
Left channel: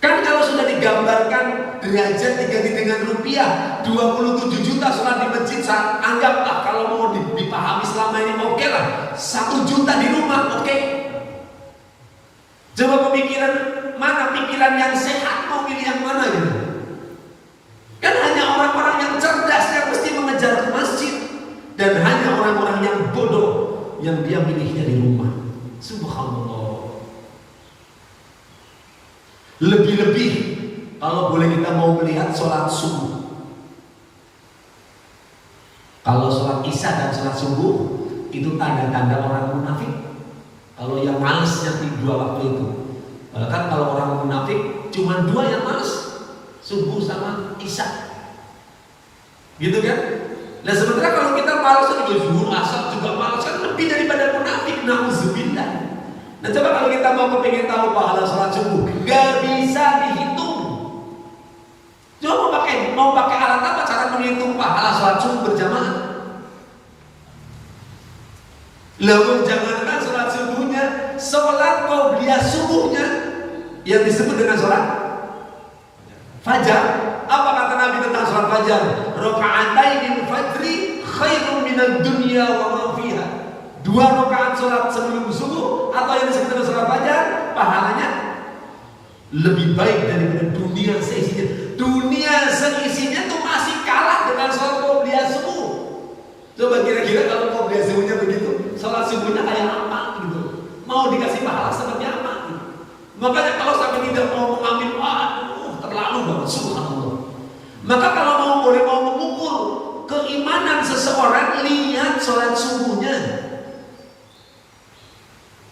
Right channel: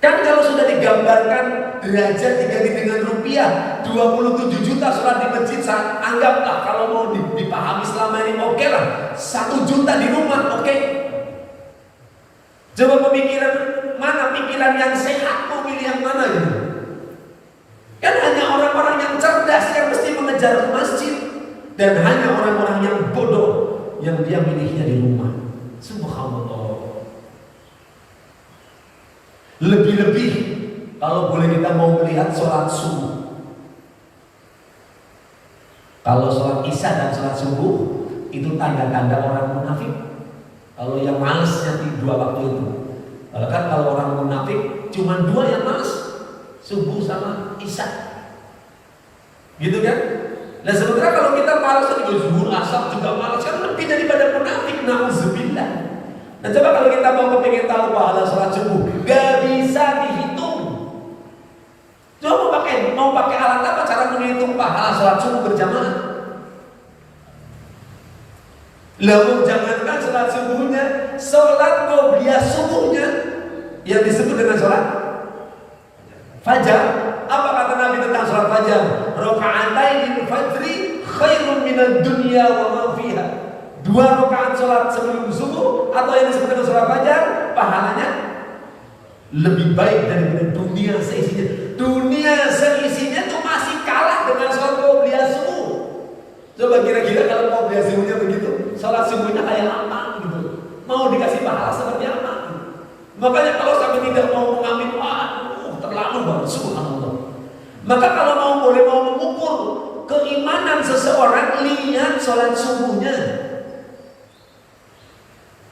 Kan kalau sudah digambarkan derajat diganti dengan rupiah 27 juta sholat di masjid, anggaplah kalau mau dipahami selama ini oke lah, 1 juta di rumah oke. Coba pemikiran mana, pikiran yang sehat mau pilih yang mana ya? Kan hanya orang-orang yang cerdas yang mesti mengejar ke masjid, dan hanya orang-orang yang bodoh yang dia milihnya di rumah. Subhanallah. Lebih-lebih kalau boleh kita mau melihat sholat subuh. Kalau sholat isya dan sholat subuh itu tanda-tanda orang munafik. Kalau yang malisnya 2 waktu itu. Bahkan kalau orang munafik cuma 2 yang malas, subuh sama isya. Gitu kan? Nah sementara kalau kita malas juga zuhur, asar juga malas, kan lebih daripada munafik. Nauzubillah. Nah coba kalau kita mau kepingin tahu pahala sholat subuh, gak bisa dihitung. Coba mau pakai alat apa cara menghitung pahala sholat subuh berjamaah? Lalu jangankan sholat subuhnya, sholat qobliyah subuhnya yang disebut dengan sholat fajar. Apa kata Nabi tentang sholat fajar? Raka'ataini fajri khairun minad dunya wa ma fiha. 2 rakaat sholat sebelum subuh atau yang disebut dengan sholat fajar, pahalanya lebih baik daripada dunia seisinya. Dunia seisinya itu masih kalah dengan sholat qobliyah subuh. Coba kira-kira kalau qobliyah subuhnya begitu, sholat subuhnya kayak apa gitu? Mau dikasih pahala seperti apa? Makanya kalau sampai tidak mau mengambil, terlalu banget, subhanallah. Maka kalau boleh mau mengukur keimanan seseorang, lihat sholat subuh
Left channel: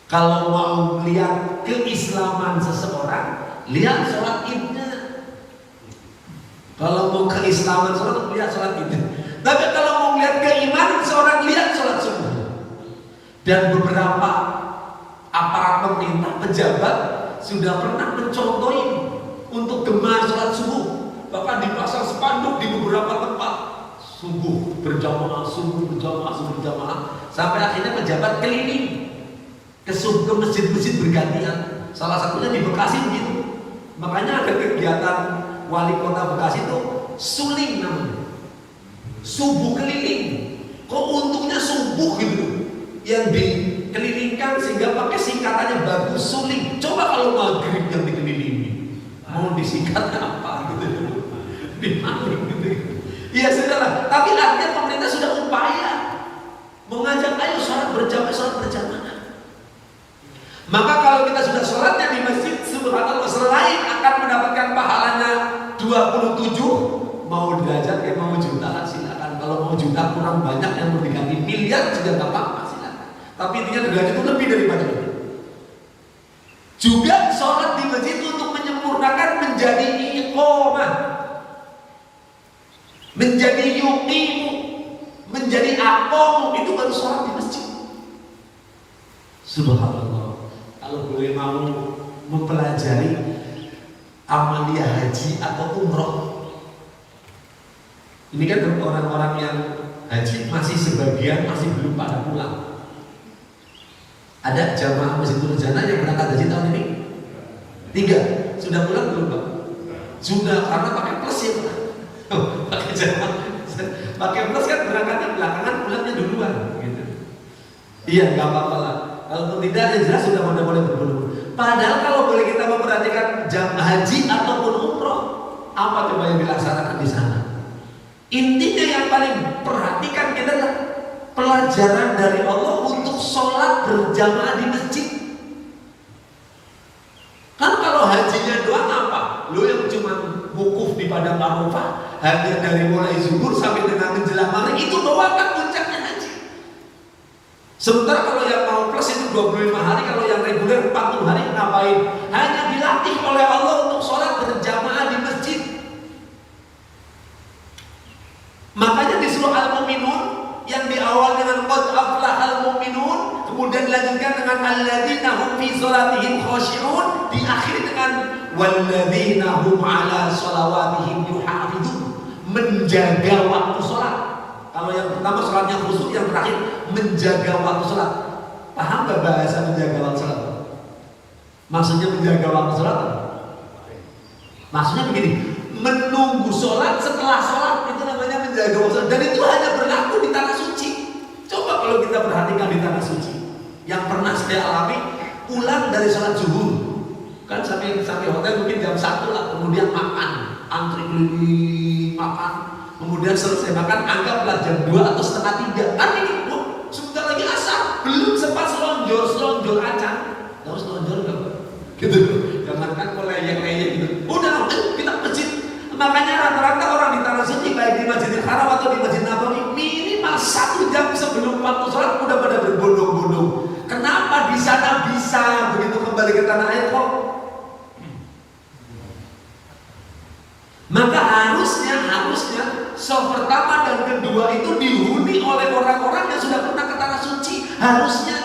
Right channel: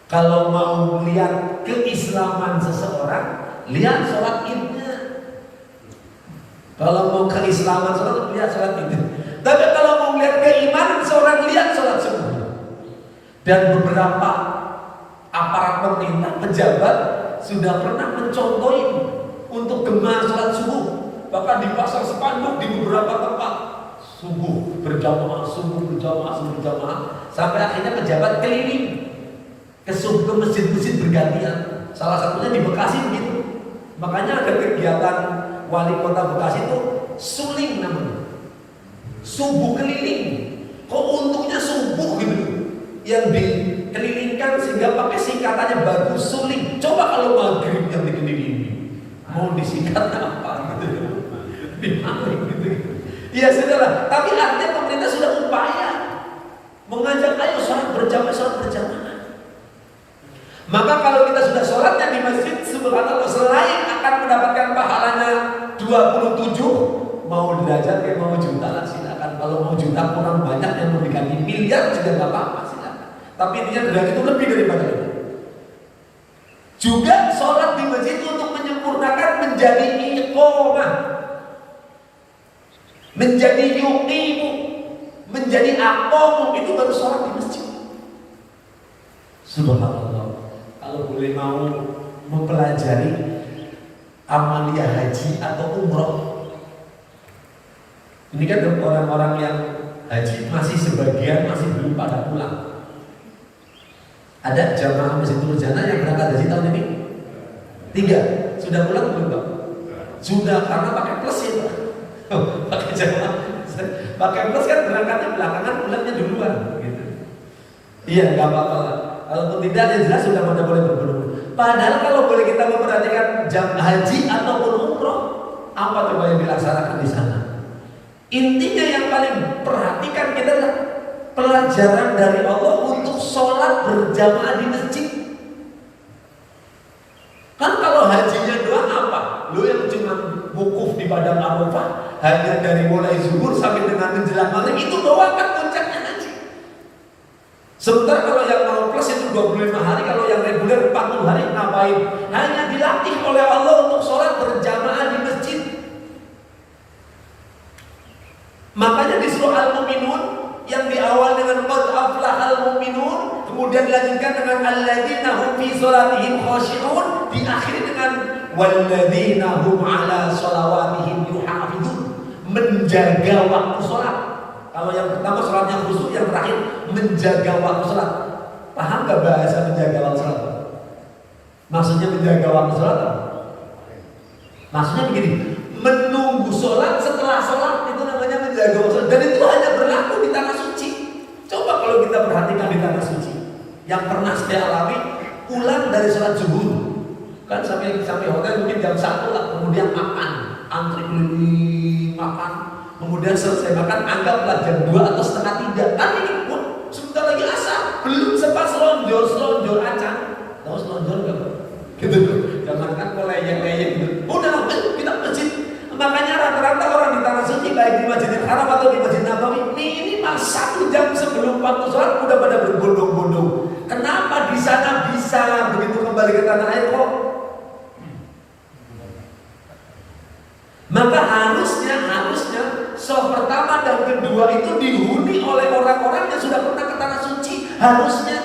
Kalau mau lihat keislaman seseorang, lihat sholat idnya. Kalau mau keislaman seseorang, lihat sholat idnya. Tapi kalau mau lihat keimanan seorang, lihat sholat subuh. Dan beberapa aparat pemerintah, pejabat sudah pernah mencontohi untuk gemar sholat subuh. Bahkan dipasang spanduk di beberapa tempat, subuh berjamaah, subuh berjamaah, subuh berjamaah. Sampai akhirnya pejabat keliling ke masjid-masjid bergantian. Salah satunya di Bekasi begitu. Makanya ada kegiatan wali kota Bekasi itu suling namanya, subuh keliling. Kok untungnya subuh gitu, yang dikelilingkan sehingga pakai singkatannya bagus, suling. Coba kalau maghrib yang dikelilingi, mau disingkat apa gitu, dimaling gitu. Ya sudahlah. Tapi artinya pemerintah sudah upaya mengajak ayo sholat berjamaah, sholat berjamaah. Maka kalau kita sudah sholatnya di masjid, subhanallah, selain akan mendapatkan pahalanya 27, mau derajat ya mau jutaan silakan. Kalau mau juta kurang banyak yang mau diganti miliar juga nggak apa-apa, silakan. Tapi intinya derajat itu lebih daripada itu. Juga sholat di masjid untuk menyempurnakan menjadi iqomah, menjadi yuqimu, menjadi aqomu, itu baru sholat di masjid. Subhanallah. Kalau boleh mau mempelajari amalia haji atau umroh, ini kan orang-orang yang haji masih sebagian masih belum pada pulang. Ada jamaah Masjid Nurjana yang berangkat haji tahun ini 3, sudah pulang belum Pak? Sudah, karena pakai plus ya Pak. Pakai jamaah, pakai plus kan berangkatnya belakangan, pulangnya duluan gitu. Iya, nggak apa-apa lah. Kalau tidak, yang jelas sudah boleh berburu. Padahal kalau boleh kita memperhatikan jam haji ataupun umroh, apa coba yang dilaksanakan di sana? Intinya yang paling perhatikan kita adalah pelajaran dari Allah untuk sholat berjamaah di masjid. Kan kalau hajinya doang apa? Lo yang cuma wukuf di padang Arafah, hanya dari mulai zuhur sampai dengan menjelang maghrib, itu doang kan puncaknya haji. Sementara kalau yang mau plus itu 25 hari, kalau yang reguler 40 hari ngapain? Hanya dilatih oleh Allah untuk sholat berjamaah di masjid. Makanya di surah Al-Mu'minun yang di awal dengan qad aflahal mu'minun, kemudian dilanjutkan dengan alladzina hum fi sholatihim khashi'un, diakhiri dengan walladzina hum ala sholawatihim yuhafizun, menjaga waktu sholat. Kalau yang pertama sholatnya khusyuk, yang terakhir menjaga waktu sholat. Paham gak bahasa menjaga waktu sholat? Maksudnya menjaga waktu sholat apa? Maksudnya begini, menunggu sholat setelah sholat, itu namanya menjaga waktu sholat. Dan itu hanya berlaku di tanah suci. Coba kalau kita perhatikan di tanah suci, yang pernah saya alami, pulang dari sholat zuhur, kan sampai hotel mungkin jam 1 lah, kemudian makan, antri keliling makan. Kemudian selesai makan, anggaplah jam 2 atau setengah 3. Nanti sebentar lagi asar, belum sempat selonjor acan. Tahu selonjor gak Pak? Gitu. Jangan kan leyek-leyek gitu. Udah, kita masjid. Makanya rata-rata orang di tanah suci, baik di Masjidil Haram atau di Masjid Nabawi, minimal 1 jam sebelum waktu sholat udah pada berbondong-bondong. Kenapa di sana bisa begitu kembali ke tanah air kok? Maka harusnya sholat pertama dan kedua itu dihuni oleh orang-orang yang sudah pernah ke tanah suci. Harusnya.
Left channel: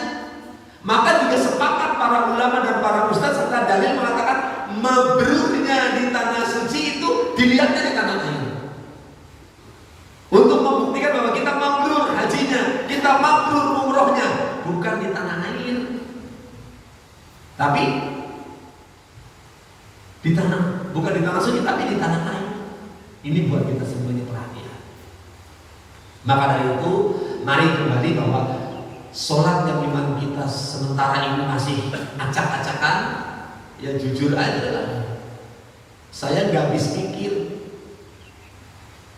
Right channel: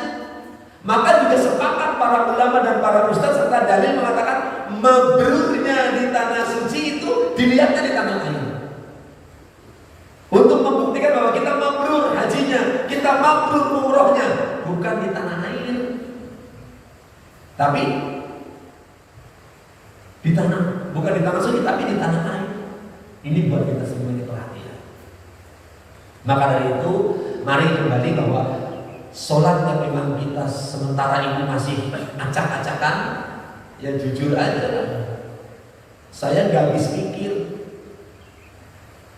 Maka juga sepakat para ulama dan para ustaz serta dalil mengatakan mabrurnya di tanah suci itu dilihatnya di tanah air. Untuk membuktikan bahwa kita mabrur hajinya, kita mabrur umrohnya, bukan di tanah air, tapi bukan di tanah suci, tapi di tanah air. Ini buat kita semuanya perhatian. Maka dari itu, mari kembali bahwa sholat yang memang kita sementara ini masih acak-acakan, ya jujur aja lah. Saya gak habis pikir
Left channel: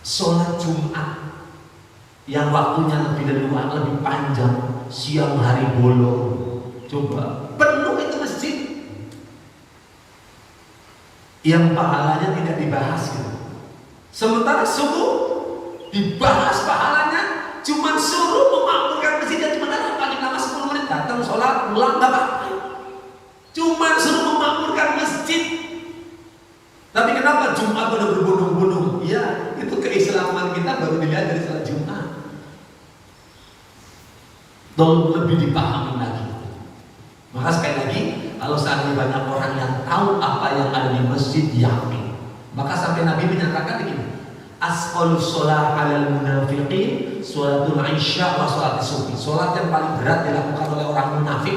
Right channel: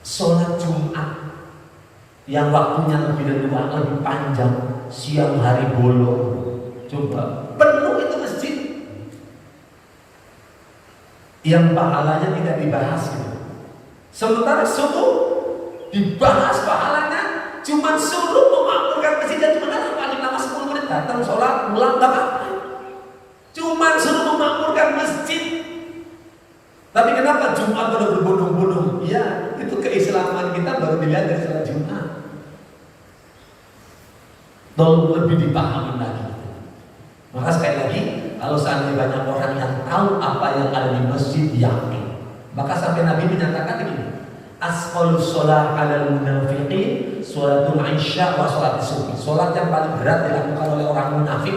sholat Jumat yang waktunya lebih panjang, siang hari bolong, coba penuh itu masjid, yang pahalanya tidak dibahas gitu. Sementara subuh dibahas pahalanya, cuma suruh memakmurkan masjid, cuma paling lama 10 menit. datang sholat, pulang nggak apa-apa. Cuma suruh memakmurkan masjid. Tapi kenapa Jumat pada berbondong-bondong? Ya, itu keislaman kita baru dilihat dari sholat Jumat. Tolong lebih dipahami lagi. Maka sekali lagi, kalau seandainya banyak orang yang tahu apa yang ada di masjid, yakin. Maka sampai Nabi menyatakan begini, asqalus sholat alal munafiqin sholatul isya wa sholat subuh. Sholat yang paling berat dilakukan oleh orang munafik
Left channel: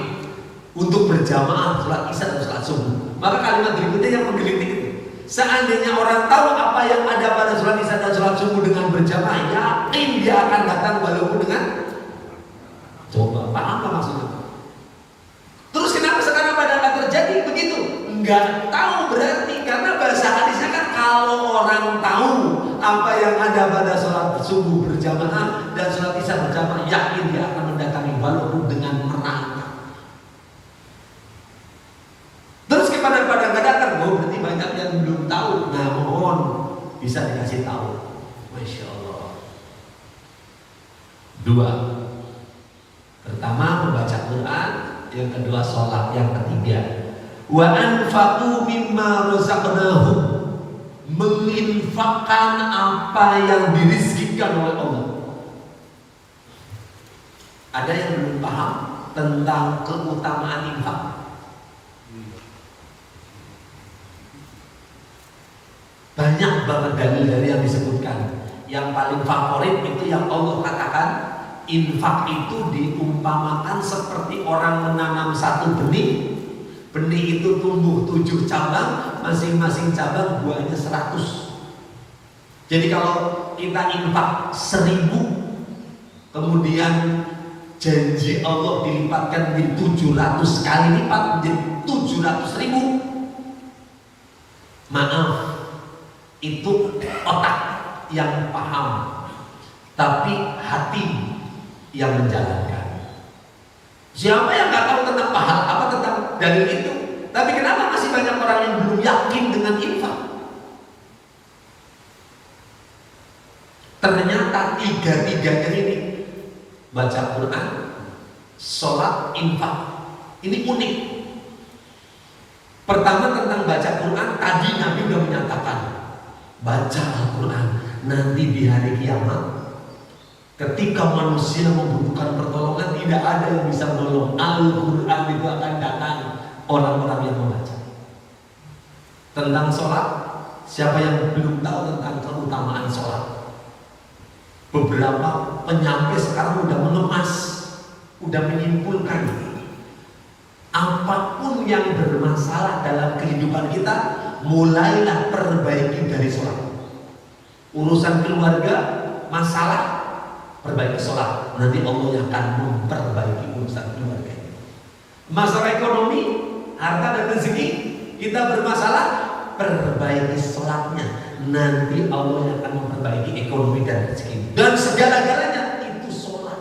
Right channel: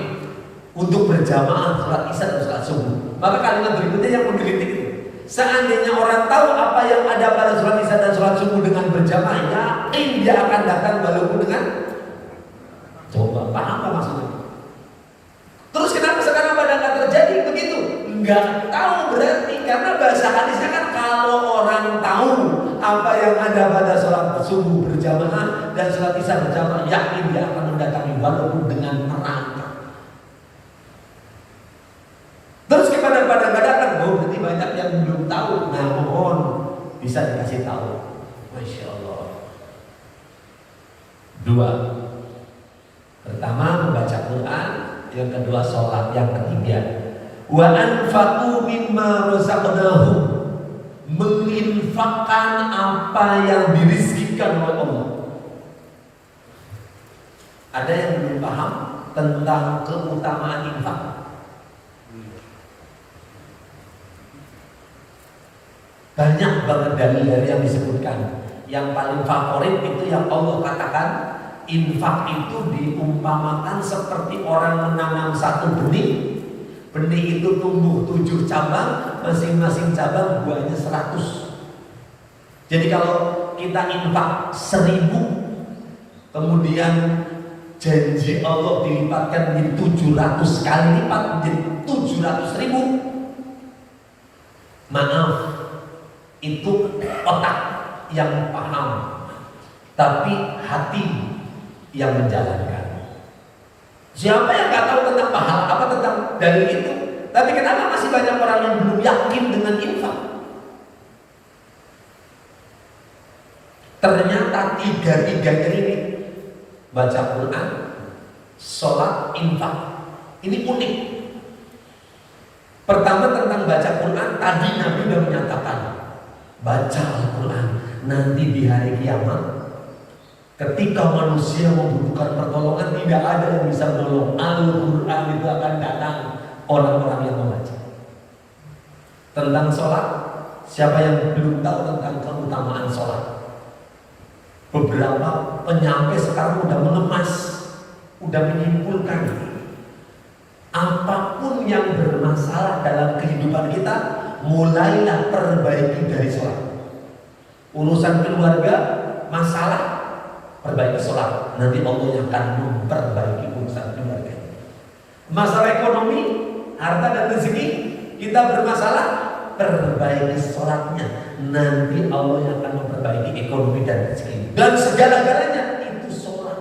untuk berjamaah sholat isya dan sholat subuh. Maka kalimat berikutnya yang menggelitik itu, seandainya orang tahu apa yang ada pada sholat isya dan sholat subuh dengan berjamaah, yakin dia akan datang walaupun dengan. Coba paham apa maksudnya? Terus kenapa sekarang pada nggak terjadi begitu? Nggak tahu berarti, karena bahasa hadisnya kan kalau orang tahu apa yang ada pada sholat subuh berjamaah dan sholat isya berjamaah, yakin dia akan mendatangi walaupun dengan merangkak. Terus kepada nggak datang, berarti banyak yang belum tahu. Nah, mohon bisa dikasih tahu. Masya Allah. 2. Pertama membaca Quran, yang kedua sholat, yang ketiga wa anfaqu mimma razaqnahum, menginfakkan apa yang dirizkikan oleh Allah. Ada yang belum paham tentang keutamaan infak? Banyak banget dalil yang disebutkan. Yang paling favorit itu yang Allah katakan, infak itu diumpamakan seperti orang menanam satu benih. Benih itu tumbuh 7 cabang, masing-masing cabang buahnya 100. Jadi kalau kita infak 1000, kemudian janji Allah dilipatkan menjadi 700 kali lipat, menjadi 700.000. Maaf, itu otak yang paham, tapi hati yang menjalankan. Siapa yang nggak tahu tentang pahala apa tentang dalil itu? Tapi kenapa masih banyak orang yang belum yakin dengan infak? Ternyata tiga-tiganya ini, baca Quran, sholat, infak, ini unik. Pertama tentang baca Quran, tadi Nabi sudah menyatakan, baca Al-Quran, nanti di hari kiamat ketika manusia membutuhkan pertolongan, tidak ada yang bisa menolong. Al-Quran itu akan datang orang-orang yang membaca. Tentang sholat, siapa yang belum tahu tentang keutamaan sholat? Beberapa penyampai sekarang udah mengemas, udah menyimpulkan, apapun yang bermasalah dalam kehidupan kita, mulailah perbaiki dari sholat. Urusan keluarga, masalah, perbaiki sholat, nanti Allah yang akan memperbaiki urusan keluarga. Masalah ekonomi, harta dan rezeki, kita bermasalah, perbaiki sholatnya, nanti Allah yang akan memperbaiki ekonomi dan rezeki. Dan segala-galanya itu sholat.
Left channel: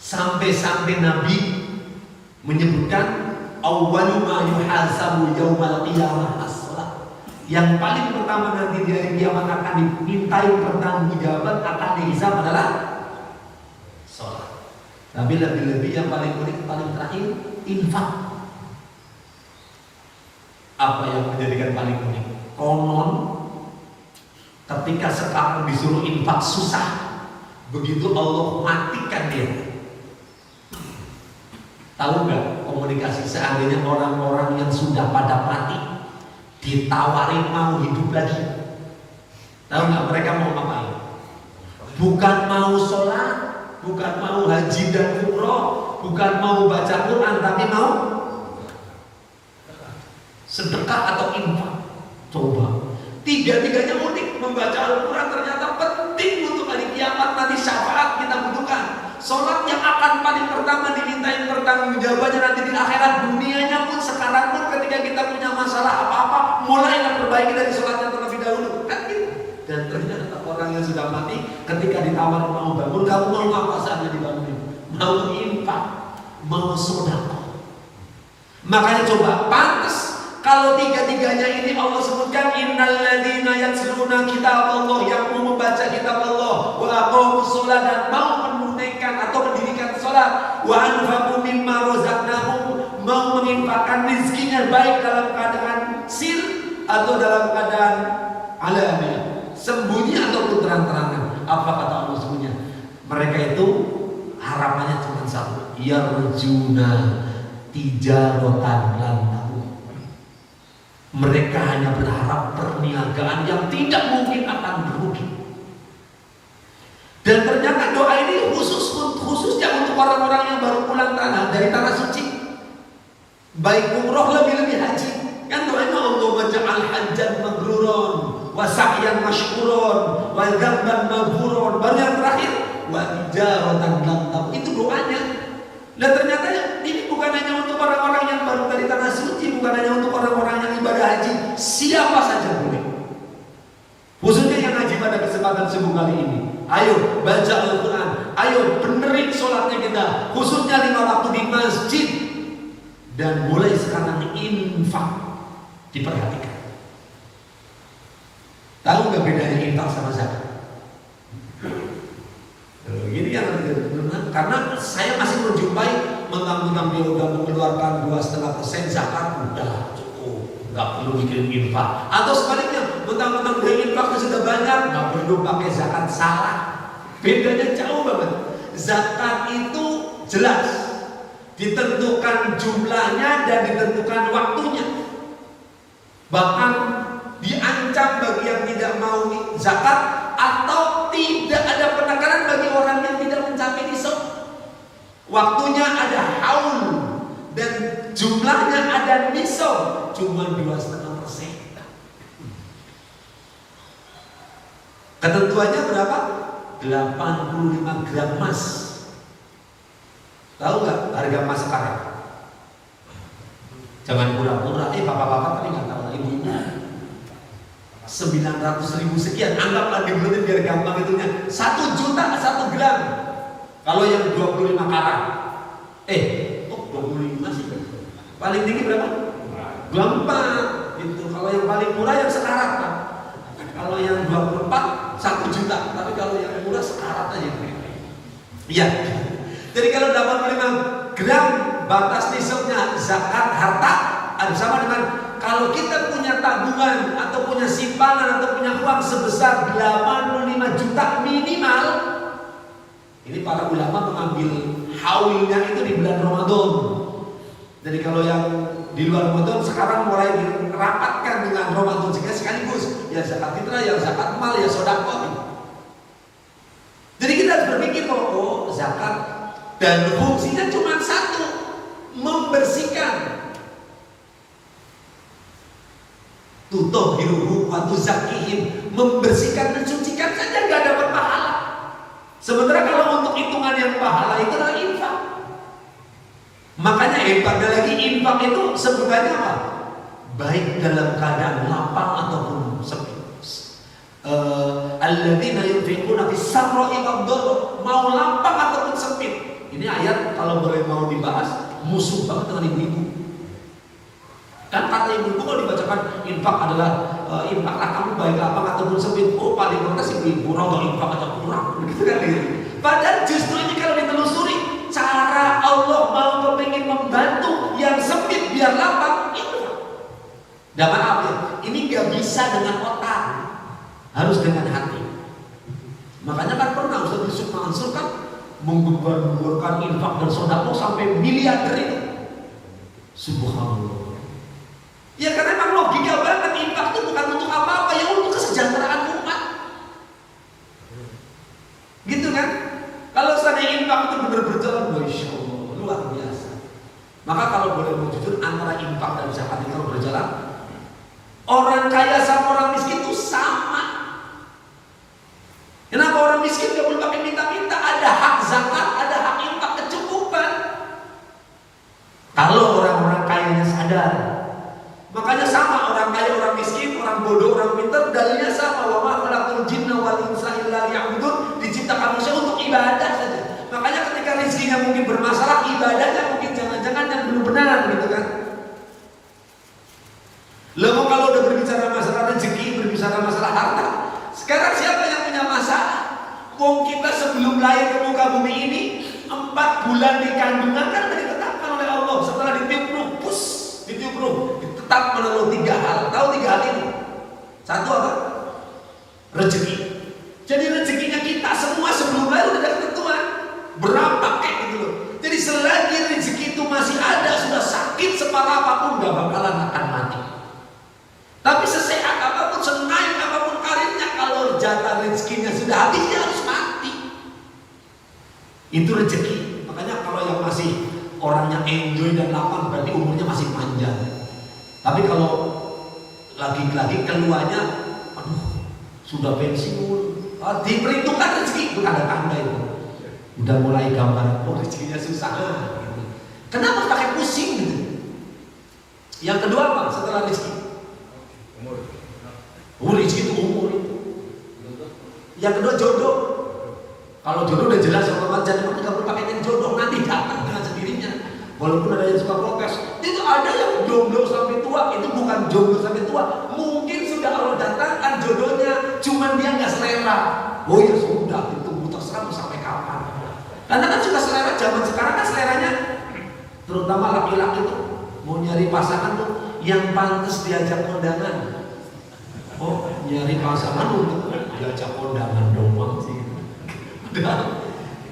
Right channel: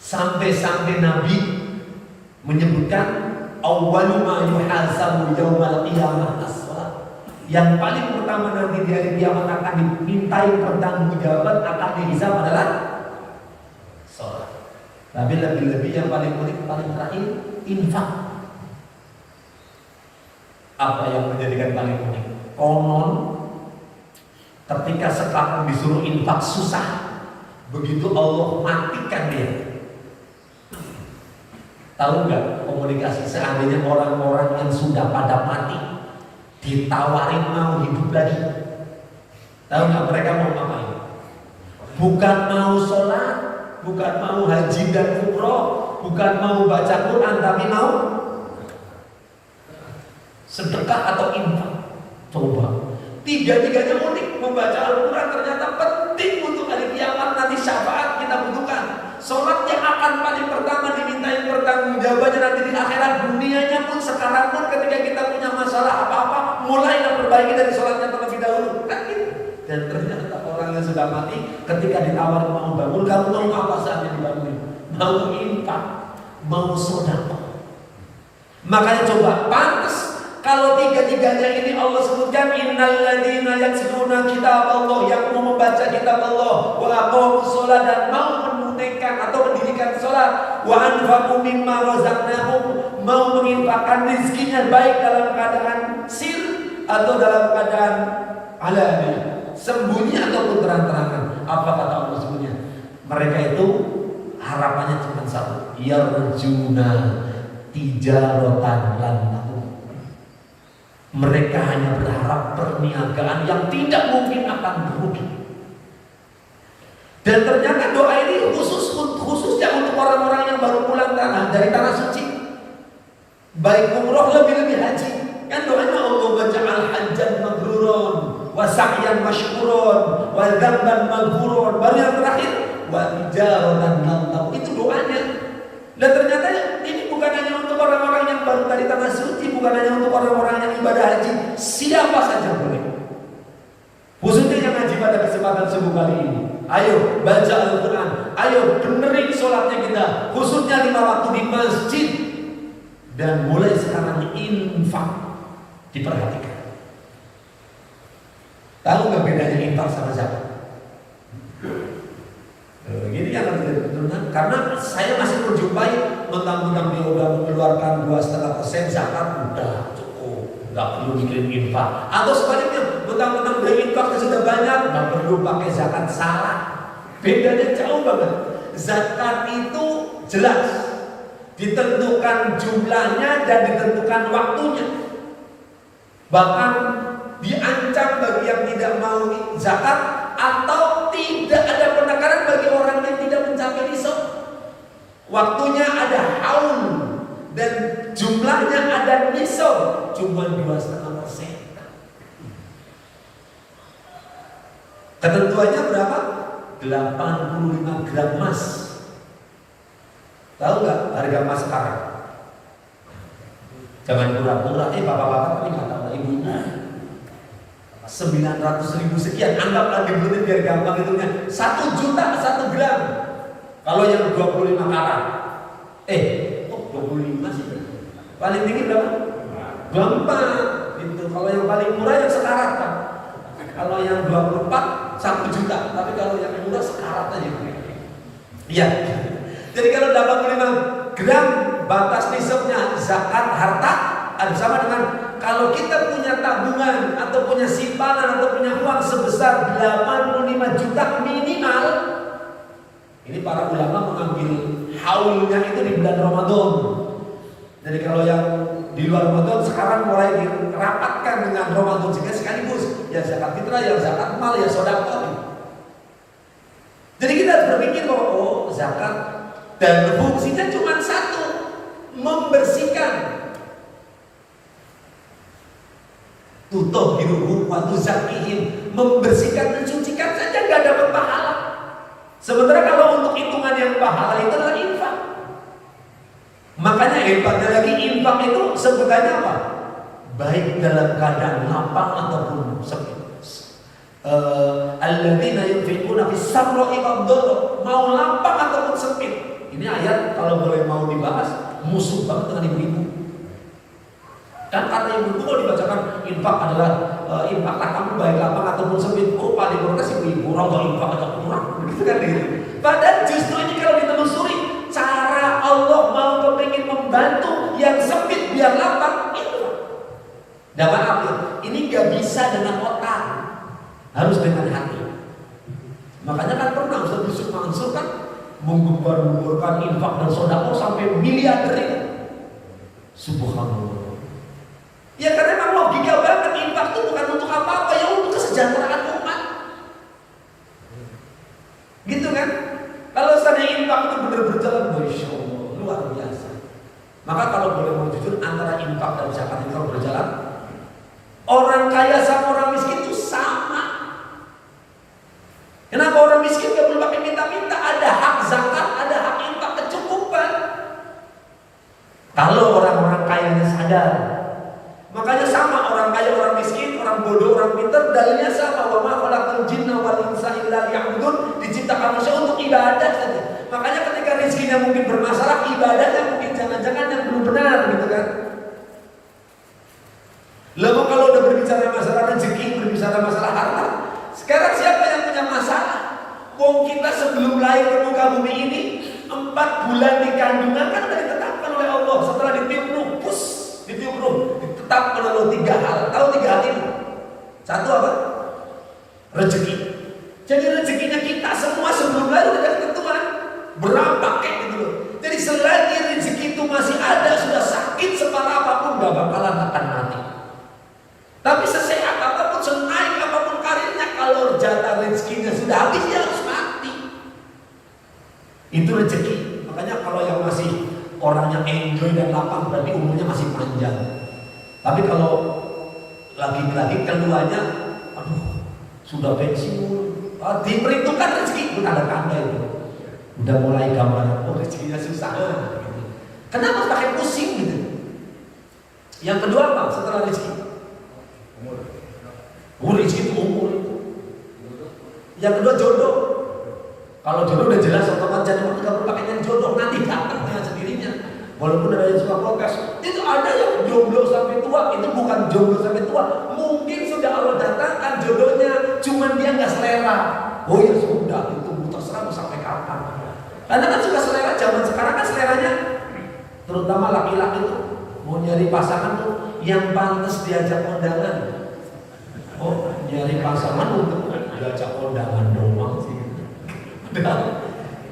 Sampai-sampai Nabi menyebutkan awwalu ma yuhasabu yaumal qiyamah as-sholat. Yang paling pertama nanti di hari kiamat akan dimintai pertanggungjawaban, akan dihisab adalah sholat. Tapi lebih-lebih yang paling unik, paling terakhir, infak. Apa yang menjadikan paling unik? Konon ketika sekarang disuruh infak susah, begitu Allah matikan dia. Tahu nggak komunikasi seandainya orang-orang yang sudah pada mati ditawarin mau hidup lagi, tahu nggak mereka mau ngapain? Bukan mau sholat, bukan mau haji dan umroh, bukan mau baca Quran, tapi mau sedekah atau infak. Coba, tiga-tiganya unik. Membaca Al-Quran ternyata penting untuk hari kiamat nanti, syafaat kita butuhkan. Sholat yang akan paling pertama dimintain pertanggungjawabannya nanti di akhirat. Dunianya pun sekarang pun ketika kita punya masalah apa-apa, mulailah perbaiki dari sholatnya terlebih dahulu, kan gitu. Dan ternyata orang yang sudah mati ketika ditawarin mau bangun, kamu mau apa saja dibangunin? Mau infak, mau sedekah. Makanya coba, pantas kalau tiga-tiganya ini Allah sebutkan, innalladzina yatluna kitab Allah, yang mau membaca kitab Allah, wa aqamus shalah, dan mau menunaikan atau mendirikan sholat, wa anfaqu mimma razaqnahum, mau menginfakkan rizkinya baik dalam keadaan sir atau dalam keadaan alaniah, sembunyi ataupun terang-terangan. Apa kata Allah sesungguhnya? Mereka itu harapannya cuma satu, yarjuna tijaratan lan tahur. Mereka hanya berharap perniagaan yang tidak mungkin akan merugi. Dan ternyata doa ini khususnya untuk orang-orang yang baru pulang dari tanah suci, baik umroh lebih-lebih haji. Kan doanya Allah waj'al hajjan mabrurun wa sa'yan mashkurun wa dzamban maghfurun. Baru yang terakhir wa tijaratan lam tahur. Itu doanya. Dan ternyata ini bukan hanya untuk orang-orang yang baru dari tanah suci, bukan hanya untuk orang-orang yang ibadah haji, siapa saja boleh. Khususnya yang haji pada kesempatan subuh kali ini. Ayo baca Al-Quran, ayo benerin sholatnya kita, khususnya 5 waktu di masjid. Dan mulai sekarang infak diperhatikan. Tahu nggak bedanya infak sama zakat? Gini yang karena saya masih menjumpai mentang-mentang dia udah mengeluarkan 2,5% zakat, udah cukup, nggak perlu bikin infak. Atau sebaliknya, mentang-mentang dia infaknya sudah banyak, nggak perlu pakai zakat. Salah, bedanya jauh banget. Zakat itu jelas ditentukan jumlahnya dan ditentukan waktunya. Bahkan diancam bagi yang tidak mau zakat, atau tidak ada penekanan bagi orang yang tidak mencapai nisab. Waktunya ada haul dan jumlahnya ada nisab, cuma 2,5%. Ketentuannya berapa? 85 gram emas. Tahu nggak harga emas sekarang? Jangan pura-pura, bapak-bapak tadi nggak tahu, ibu-ibu 900.000 sekian, anggaplah dibuletin biar gampang hitungnya. 1 juta 1 gram. Kalau yang 25 karat, 25 sih. Paling tinggi berapa? 24. Itu kalau yang paling murah yang sekarat kan. Kalau yang 24 1 juta, tapi kalau yang murah sekarat aja. Iya. Jadi kalau 85 gram batas nisabnya zakat harta, ada sama dengan kalau kita punya tabungan atau punya simpanan atau punya uang sebesar 85 juta minimal. Ini para ulama mengambil haulnya itu di bulan Ramadan. Jadi kalau yang di luar Ramadan sekarang mulai dirapatkan dengan Ramadan sehingga sekaligus ya zakat fitrah, ya zakat mal, ya sedekah. Jadi kita harus berpikir bahwa zakat dan fungsinya cuma satu, membersihkan. Tutahhiruhum wa tuzakkihim, membersihkan, mensucikan saja nggak dapat pahala. Sementara kalau untuk hitungan yang pahala itu adalah infak. Makanya hebatnya lagi infak itu sebutannya apa? Baik dalam keadaan lapang ataupun sempit. Alladzina yunfiquna fis sarra'i wad dharra, mau lapang ataupun sempit. Ini ayat kalau boleh mau dibahas musuh banget dengan ibu-ibu. Kan kata ibu kalau dibacakan infak adalah infaklah kamu baik lapang ataupun sempit. Oh paling protes ibu-ibu, orang gak infak aja kurang, begitu kan gitu. Padahal justru ini kalau ditelusuri, cara Allah mau kepengen membantu yang sempit biar lapang itu. Dan maaf ya, ini gak bisa dengan otak, harus dengan hati. Makanya kan pernah Ustaz Yusuf Mansur kan menggembar-gemborkan infak dan sedekah sampai miliarder itu. Subhanallah. Ya karena memang logika banget, infak itu bukan untuk apa-apa, ya untuk kesejahteraan umat. Gitu kan? Kalau seandainya infak itu benar berjalan, Masya Allah, luar biasa. Maka kalau boleh mau jujur, antara infak dan zakat itu berjalan, orang kaya sama orang miskin itu sama. Kenapa orang miskin gak boleh pakai minta-minta? Ada hak zakat, ada hak infak kecukupan. Kalau orang-orang kayanya sadar. Makanya sama, orang kaya, orang miskin, orang bodoh, orang pintar, dalilnya sama. Wa ma khalaqtul jinna wal insa illa liya'budun, diciptakan manusia untuk ibadah saja. Makanya ketika rezekinya mungkin bermasalah, ibadahnya mungkin jangan-jangan yang belum benar gitu kan. Lalu kalau udah berbicara masalah rezeki, berbicara masalah harta, sekarang siapa yang punya masalah? Wong kita sebelum lahir ke muka bumi ini 40 bulan di kandungan kan tadi ditetapkan oleh Allah. Setelah ditiup ruh, ditetapkan oleh 3 hal. Tahu 3 hal ini? Satu apa? Rezeki. Jadi rezekinya kita semua sebelum lahir udah ada ketentuan. Berapa kayak gitu loh. Jadi selagi rezeki itu masih ada, sudah sakit separah apapun gak bakalan akan mati. Tapi sesehat apapun, senaik apapun karirnya, kalau jatah rezekinya sudah habis, dia harus mati. Itu rezeki. Makanya kalau yang masih orangnya enjoy dan lapang, berarti umurnya masih panjang. Tapi kalau lagi-lagi keluarnya, aduh, sudah pensiun, diperhitungkan rezeki, pun ada tanda itu. Udah mulai gambar, oh rezekinya susah gitu. Kenapa pakai pusing gitu? Yang kedua apa setelah rezeki? Umur. Rezeki itu umur itu. Yang kedua jodoh. Kalau jodoh udah jelas otomatis, jangan nggak perlu pakai yang jodoh, nanti datang dengan sendirinya. Walaupun ada yang suka protes, itu ada yang jomblo sampai tua, itu bukan jomblo sampai tua. Mungkin sudah Allah datangkan jodohnya, cuman dia nggak selera. Oh ya sudah, itu terserah sampai kapan. Karena kan suka selera zaman sekarang kan seleranya, terutama laki-laki tuh mau nyari pasangan tuh yang pantas diajak kondangan. Oh nyari pasangan untuk diajak kondangan doang sih.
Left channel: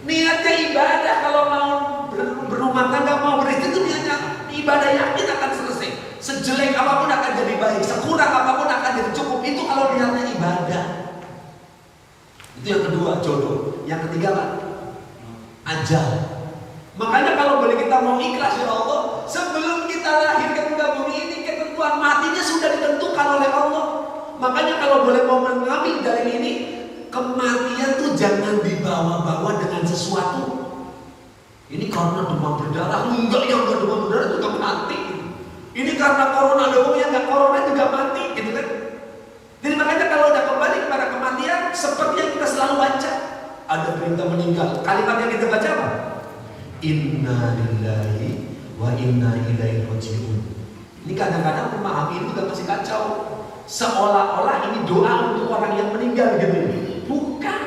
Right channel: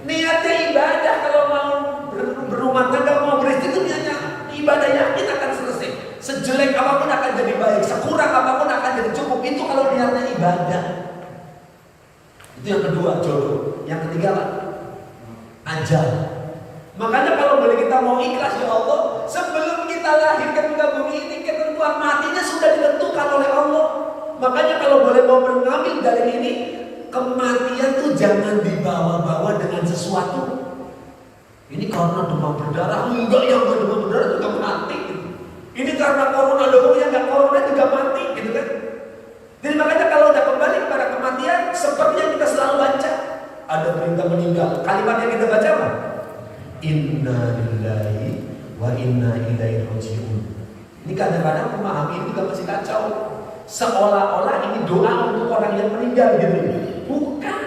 Niatnya ibadah, kalau mau berumah tangga, mau beristri itu niatnya ibadah, yakin akan selesai. Sejelek apapun akan jadi baik, sekurang apapun akan jadi cukup. Itu kalau niatnya ibadah. Itu yang kedua, jodoh. Yang ketiga apa? Ajal. Makanya kalau boleh kita mau ikhlas ya Allah, sebelum kita lahir ke muka bumi ini, ketentuan matinya sudah ditentukan oleh Allah. Makanya kalau boleh mau mengambil dalil ini, kematian tuh jangan dibawa-bawa dengan sesuatu. Ini karena demam berdarah, enggak yang demam berdarah juga mati. Ini karena corona doang, yang enggak corona juga mati, gitu kan? Jadi makanya kalau udah kembali kepada kematian, seperti yang kita selalu baca, ada perintah meninggal. Kalimat yang kita baca apa? Inna lillahi wa inna ilaihi raji'un. Ini kadang-kadang memahami itu juga masih kacau. Seolah-olah ini doa untuk orang yang meninggal gitu. Bukan.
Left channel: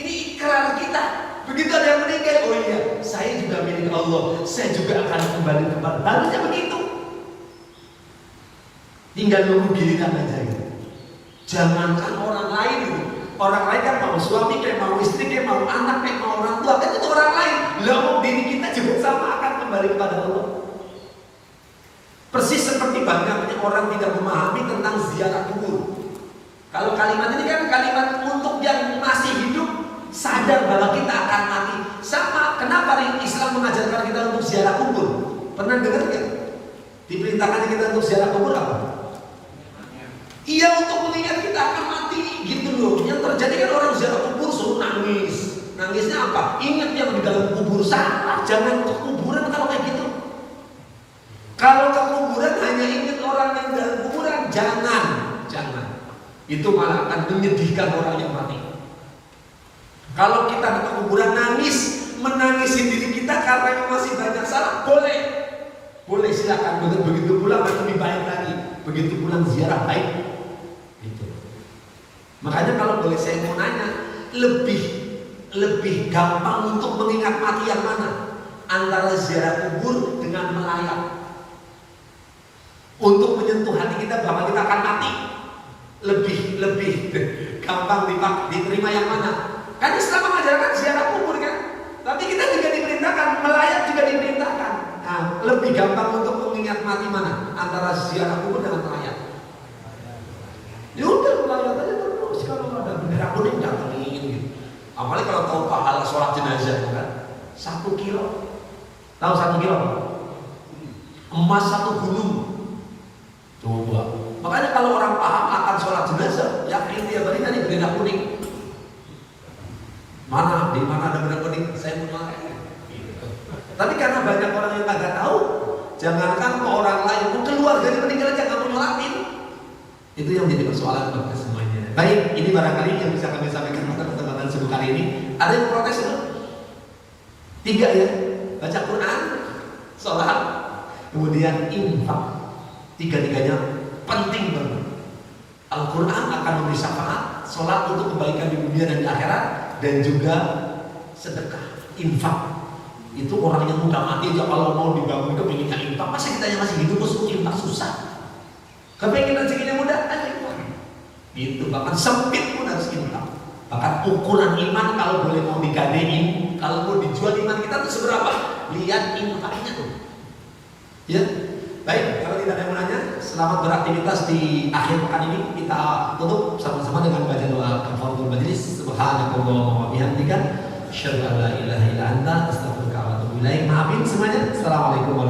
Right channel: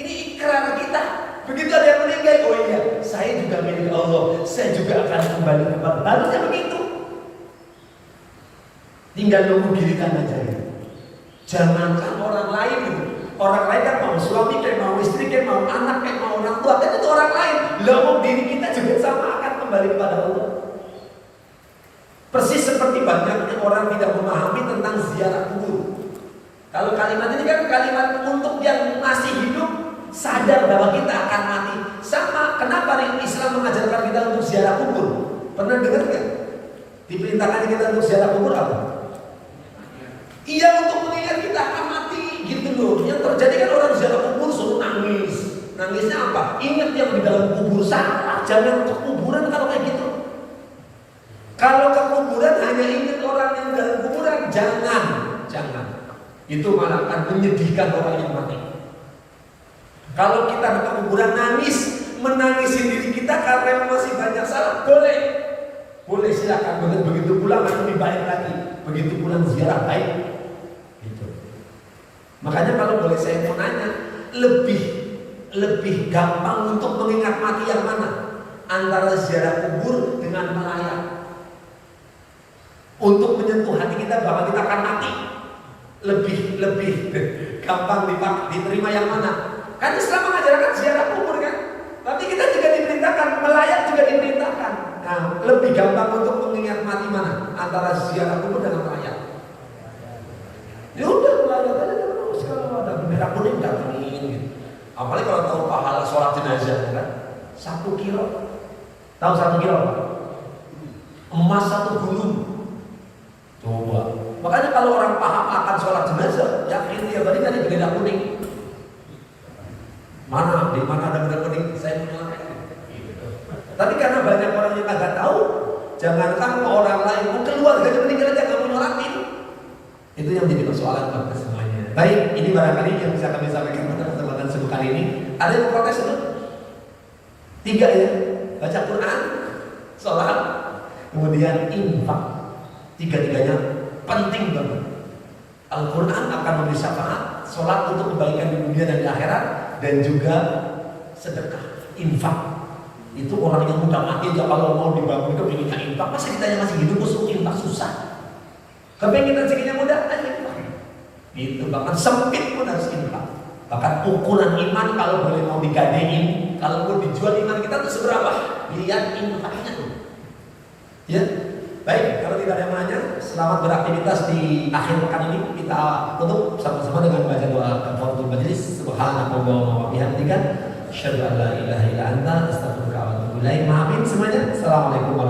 Ini ikrar kita. Begitu ada yang meninggal, oh iya, saya juga milik Allah, saya juga akan kembali kepada. Harusnya begitu. Tinggal nunggu giliran aja gitu. Jangankan orang lain gitu. Orang lain kan mau suami, kayak mau istri, kayak mau anak, kayak mau orang tua, kan itu orang lain. Lalu diri kita juga sama akan kembali kepada Allah. Persis seperti banyaknya orang tidak memahami tentang ziarah kubur. Kalau kalimat ini kan kalimat untuk yang masih hidup, sadar bahwa kita akan mati. Sama, kenapa Islam mengajarkan kita untuk ziarah kubur? Pernah dengar nggak? Diperintahkan kita untuk ziarah kubur apa? Iya, untuk mengingat kita akan mati, gitu loh. Yang terjadi kan orang ziarah kubur suruh nangis. Nangisnya apa? Ingat yang di dalam kubur. Salah, jangan ke kuburan kalau kayak gitu. Kalau ke kuburan hanya ingat orang yang dalam kuburan, jangan. Itu malah akan menyedihkan orang yang mati. Kalau kita ke kuburan nangis, menangisi diri kita karena masih banyak salah, boleh silakan. Begitu pulang lebih baik lagi. Begitu pulang ziarah baik. Gitu. Makanya kalau boleh saya mau nanya, lebih gampang untuk mengingat mati yang mana? Antara ziarah kubur dengan melayang. Untuk menyentuh hati kita bahwa kita akan mati, lebih gampang diterima yang mana? Kan Islam mengajarkan ziarah kubur kan, tapi kita juga diperintahkan melayang, juga diperintahkan. Nah, lebih gampang untuk mengingat mati mana? Antara ziarah kubur dengan melayang. Ya udah melayang aja terus, kalau ada bendera kuning datengin gitu. Apalagi kalau tahu pahala sholat jenazah kan, 1 kilo. Tahu 1 kilo? Emas 1 gunung. Coba. Makanya kalau orang paham akan sholat jenazah, yakin dia balik tadi bendera kuning. Mana? Di mana ada bendera kuning? Saya menyalakannya. Tapi karena banyak orang yang nggak tahu, jangankan ke orang lain, keluarganya meninggal aja nggak mau nyolatin. Itu yang jadi persoalan bagi semuanya. Baik, ini barangkali yang bisa kami sampaikan pada kesempatan sibuk kali ini. Ada yang protes belum? 3 ya, baca Quran, sholat, kemudian infak. 3-tiganya penting banget. Al-Quran akan memberi syafaat, sholat untuk kebaikan di dunia dan di akhirat, dan juga sedekah, infak. Itu orang yang udah mati aja kalau mau dibangun kepingin yang infak. Masa kita yang masih hidup terus infak susah? Kepingin rezekinya mudah aja infak. Itu bahkan sempit pun harus infak. Bahkan ukuran iman kalau boleh mau digadein, kalau mau dijual iman kita tuh seberapa? Lihat infaknya tuh. Ya, baik. Kalau tidak ada yang menanya, selamat beraktivitas di akhir pekan ini. Kita tutup sama-sama dengan baca doa kafaratul majlis. Subhanakallahumma wa bihamdika, asyhadu an la ilaha illa anta, astaghfiruka wa atubu ilaik. Maafin semuanya. Assalamualaikum warahmatullahi wabarakatuh.